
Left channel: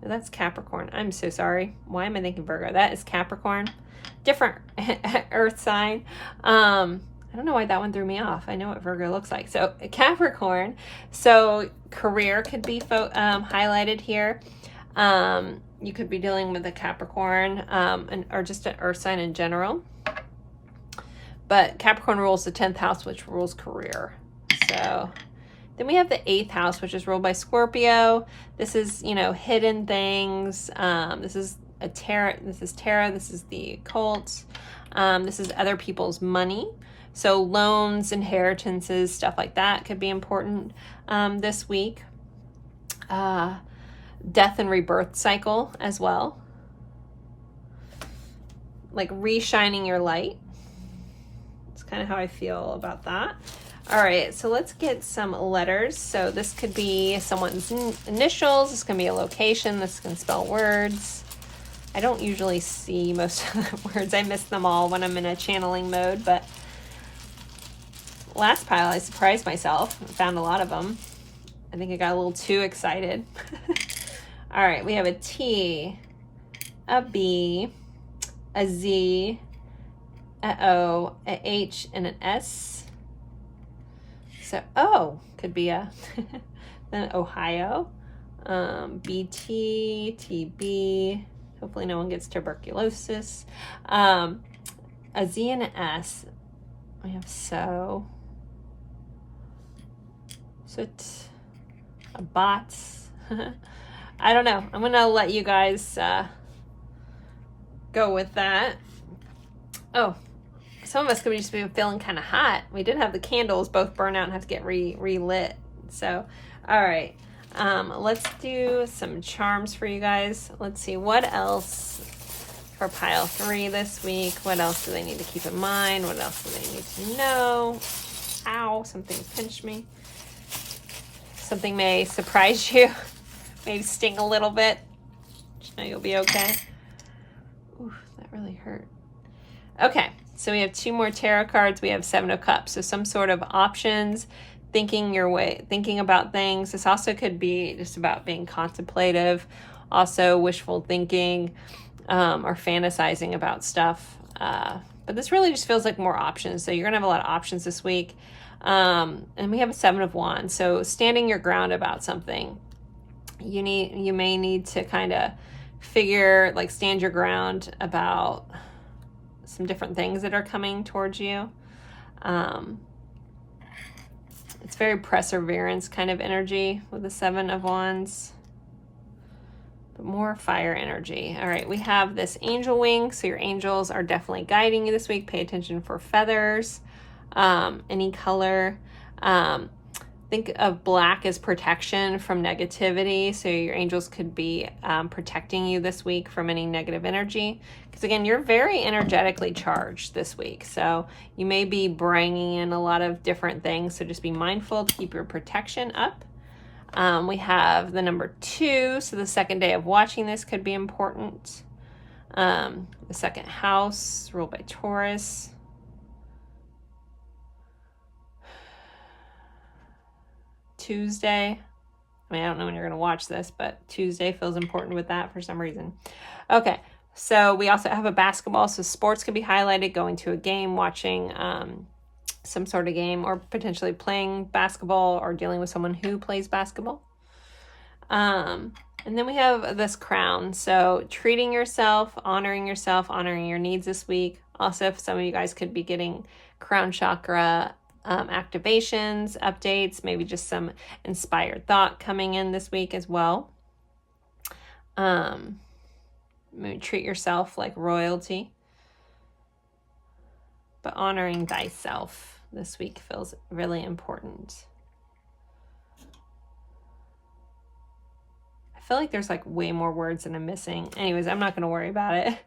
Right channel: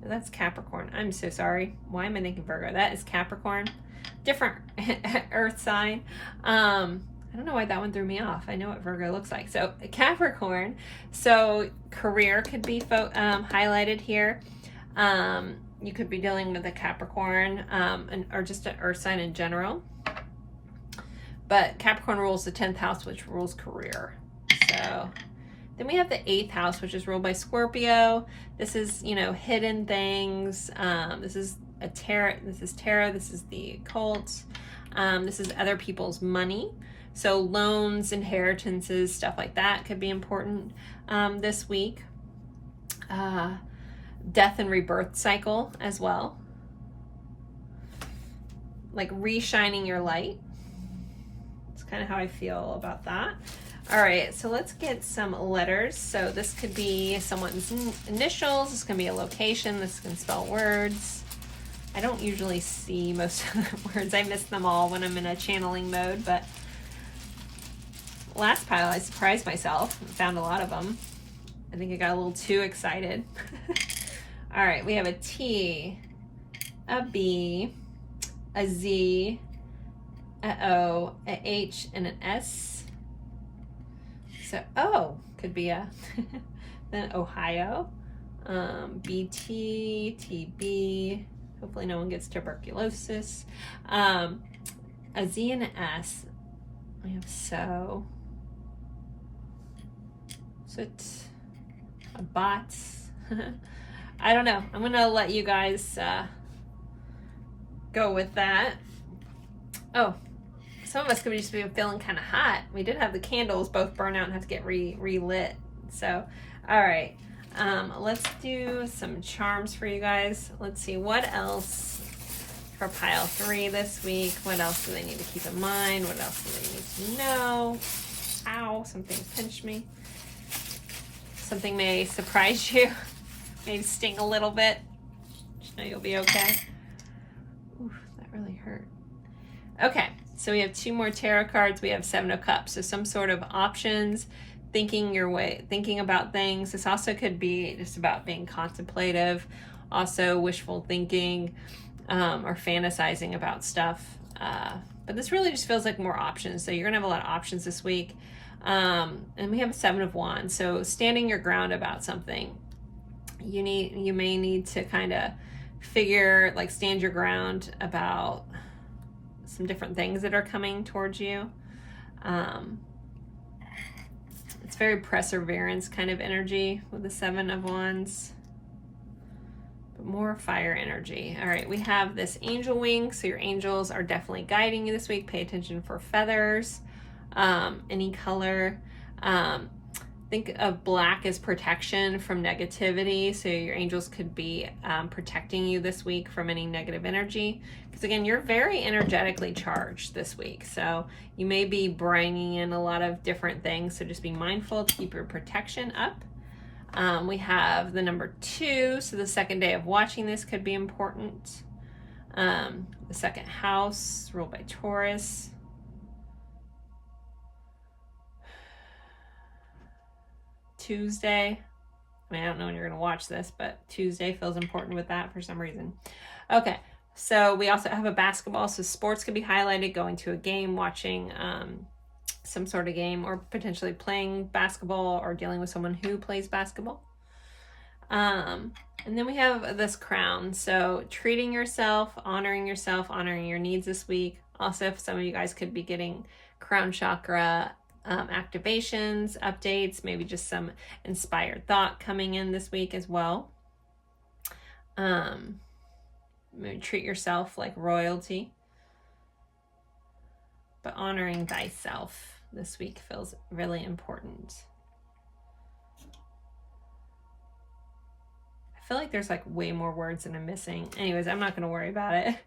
No, that's Capricorn. I'm so sorry. Why am I thinking Virgo? That is Capricorn. Different earth sign. I don't know why that one threw me off. I know what Virgo looks like. So Capricorn. So career could be highlighted here. You could be dealing with a Capricorn or just an earth sign in general. But Capricorn rules the 10th house, which rules career. So then we have the 8th house, which is ruled by Scorpio. This is, you know, hidden things. This is tarot. This is the occult. This is other people's money. So loans, inheritances, stuff like that could be important this week. Death and rebirth cycle as well. Like re-shining your light. That's kind of how I feel about that. All right, so let's get some letters. So this could be someone's initials. This can be a location. This can spell words. I don't usually see most of the words. I miss them all when I'm in a channeling mode, but last pile I surprised myself and found a lot of them. I think I got a little too excited. All right, we have a T, a B, a Z, a O, a H, and an S. So O could be a then Ohio, BT, TB. Hopefully no one gets tuberculosis. A Z and an S. I have so. A bot. I don't know. I'm gonna let you guys go with that. Oh, some of us could just be feeling kind of hot. We did have the candles both burn out and have to get relit. So, all right. Let's do some charms for you guys. Let's see what else for pile 3 this week. What else do they need to keep in mind? What else do they need to know? Ow, something pinched me. Something may surprise you. Maybe sting a little bit. Just know you'll be okay. Ooh, that really hurt. Okay, so we have 2 more tarot cards. We have 7 of Cups. So some sort of options, thinking about things. This also could be just about being contemplative, also wishful thinking, or fantasizing about stuff. But this really just feels like more options. So you're gonna have a lot of options this week. And we have a 7 of Wands. So standing your ground about something. You may need to kind of stand your ground about some different things that are coming towards you. It's very perseverance kind of energy with the 7 of Wands, but more fire energy. All right, we have this angel wing. So your angels are definitely guiding you this week. Pay attention for feathers, any color. Think of black as protection from negativity. So your angels could be protecting you this week from any negative energy. Because again, you're very energetically charged this week. So you may be bringing in a lot of different things. So just be mindful to keep your protection up. We have the number 2. So the second day of watching this could be important. The second house ruled by Taurus. Tuesday. I mean, I don't know when you're going to watch this, but Tuesday feels important with that for some reason. Okay, so we also have a basketball. So sports can be highlighted, going to a game, watching some sort of game, or potentially playing basketball or dealing with someone who plays basketball. And then we have this crown. So treating yourself, honoring your needs this week. Also, if some of you guys could be getting crown chakra activations, updates, maybe just some inspired thought coming in this week as well. Maybe treat yourself like royalty, but honoring thyself this week feels really important. I feel like there's like way more words than I'm missing. Anyways, I'm not going to worry about it.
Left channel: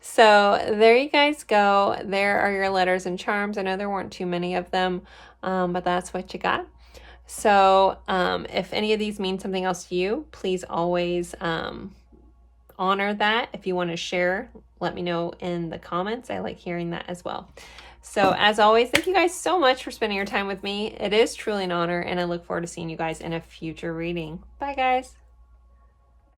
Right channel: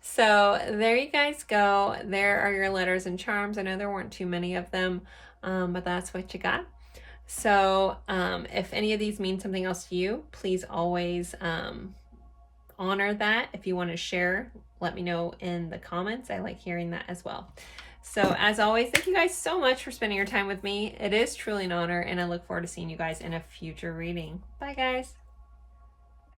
So there you guys go. There are your letters and charms. I know there weren't too many of them, but that's what you got. So if any of these mean something else to you, please always honor that. If you want to share, let me know in the comments. I like hearing that as well. So as always, thank you guys so much for spending your time with me. It is truly an honor, and I look forward to seeing you guys in a future reading. Bye, guys.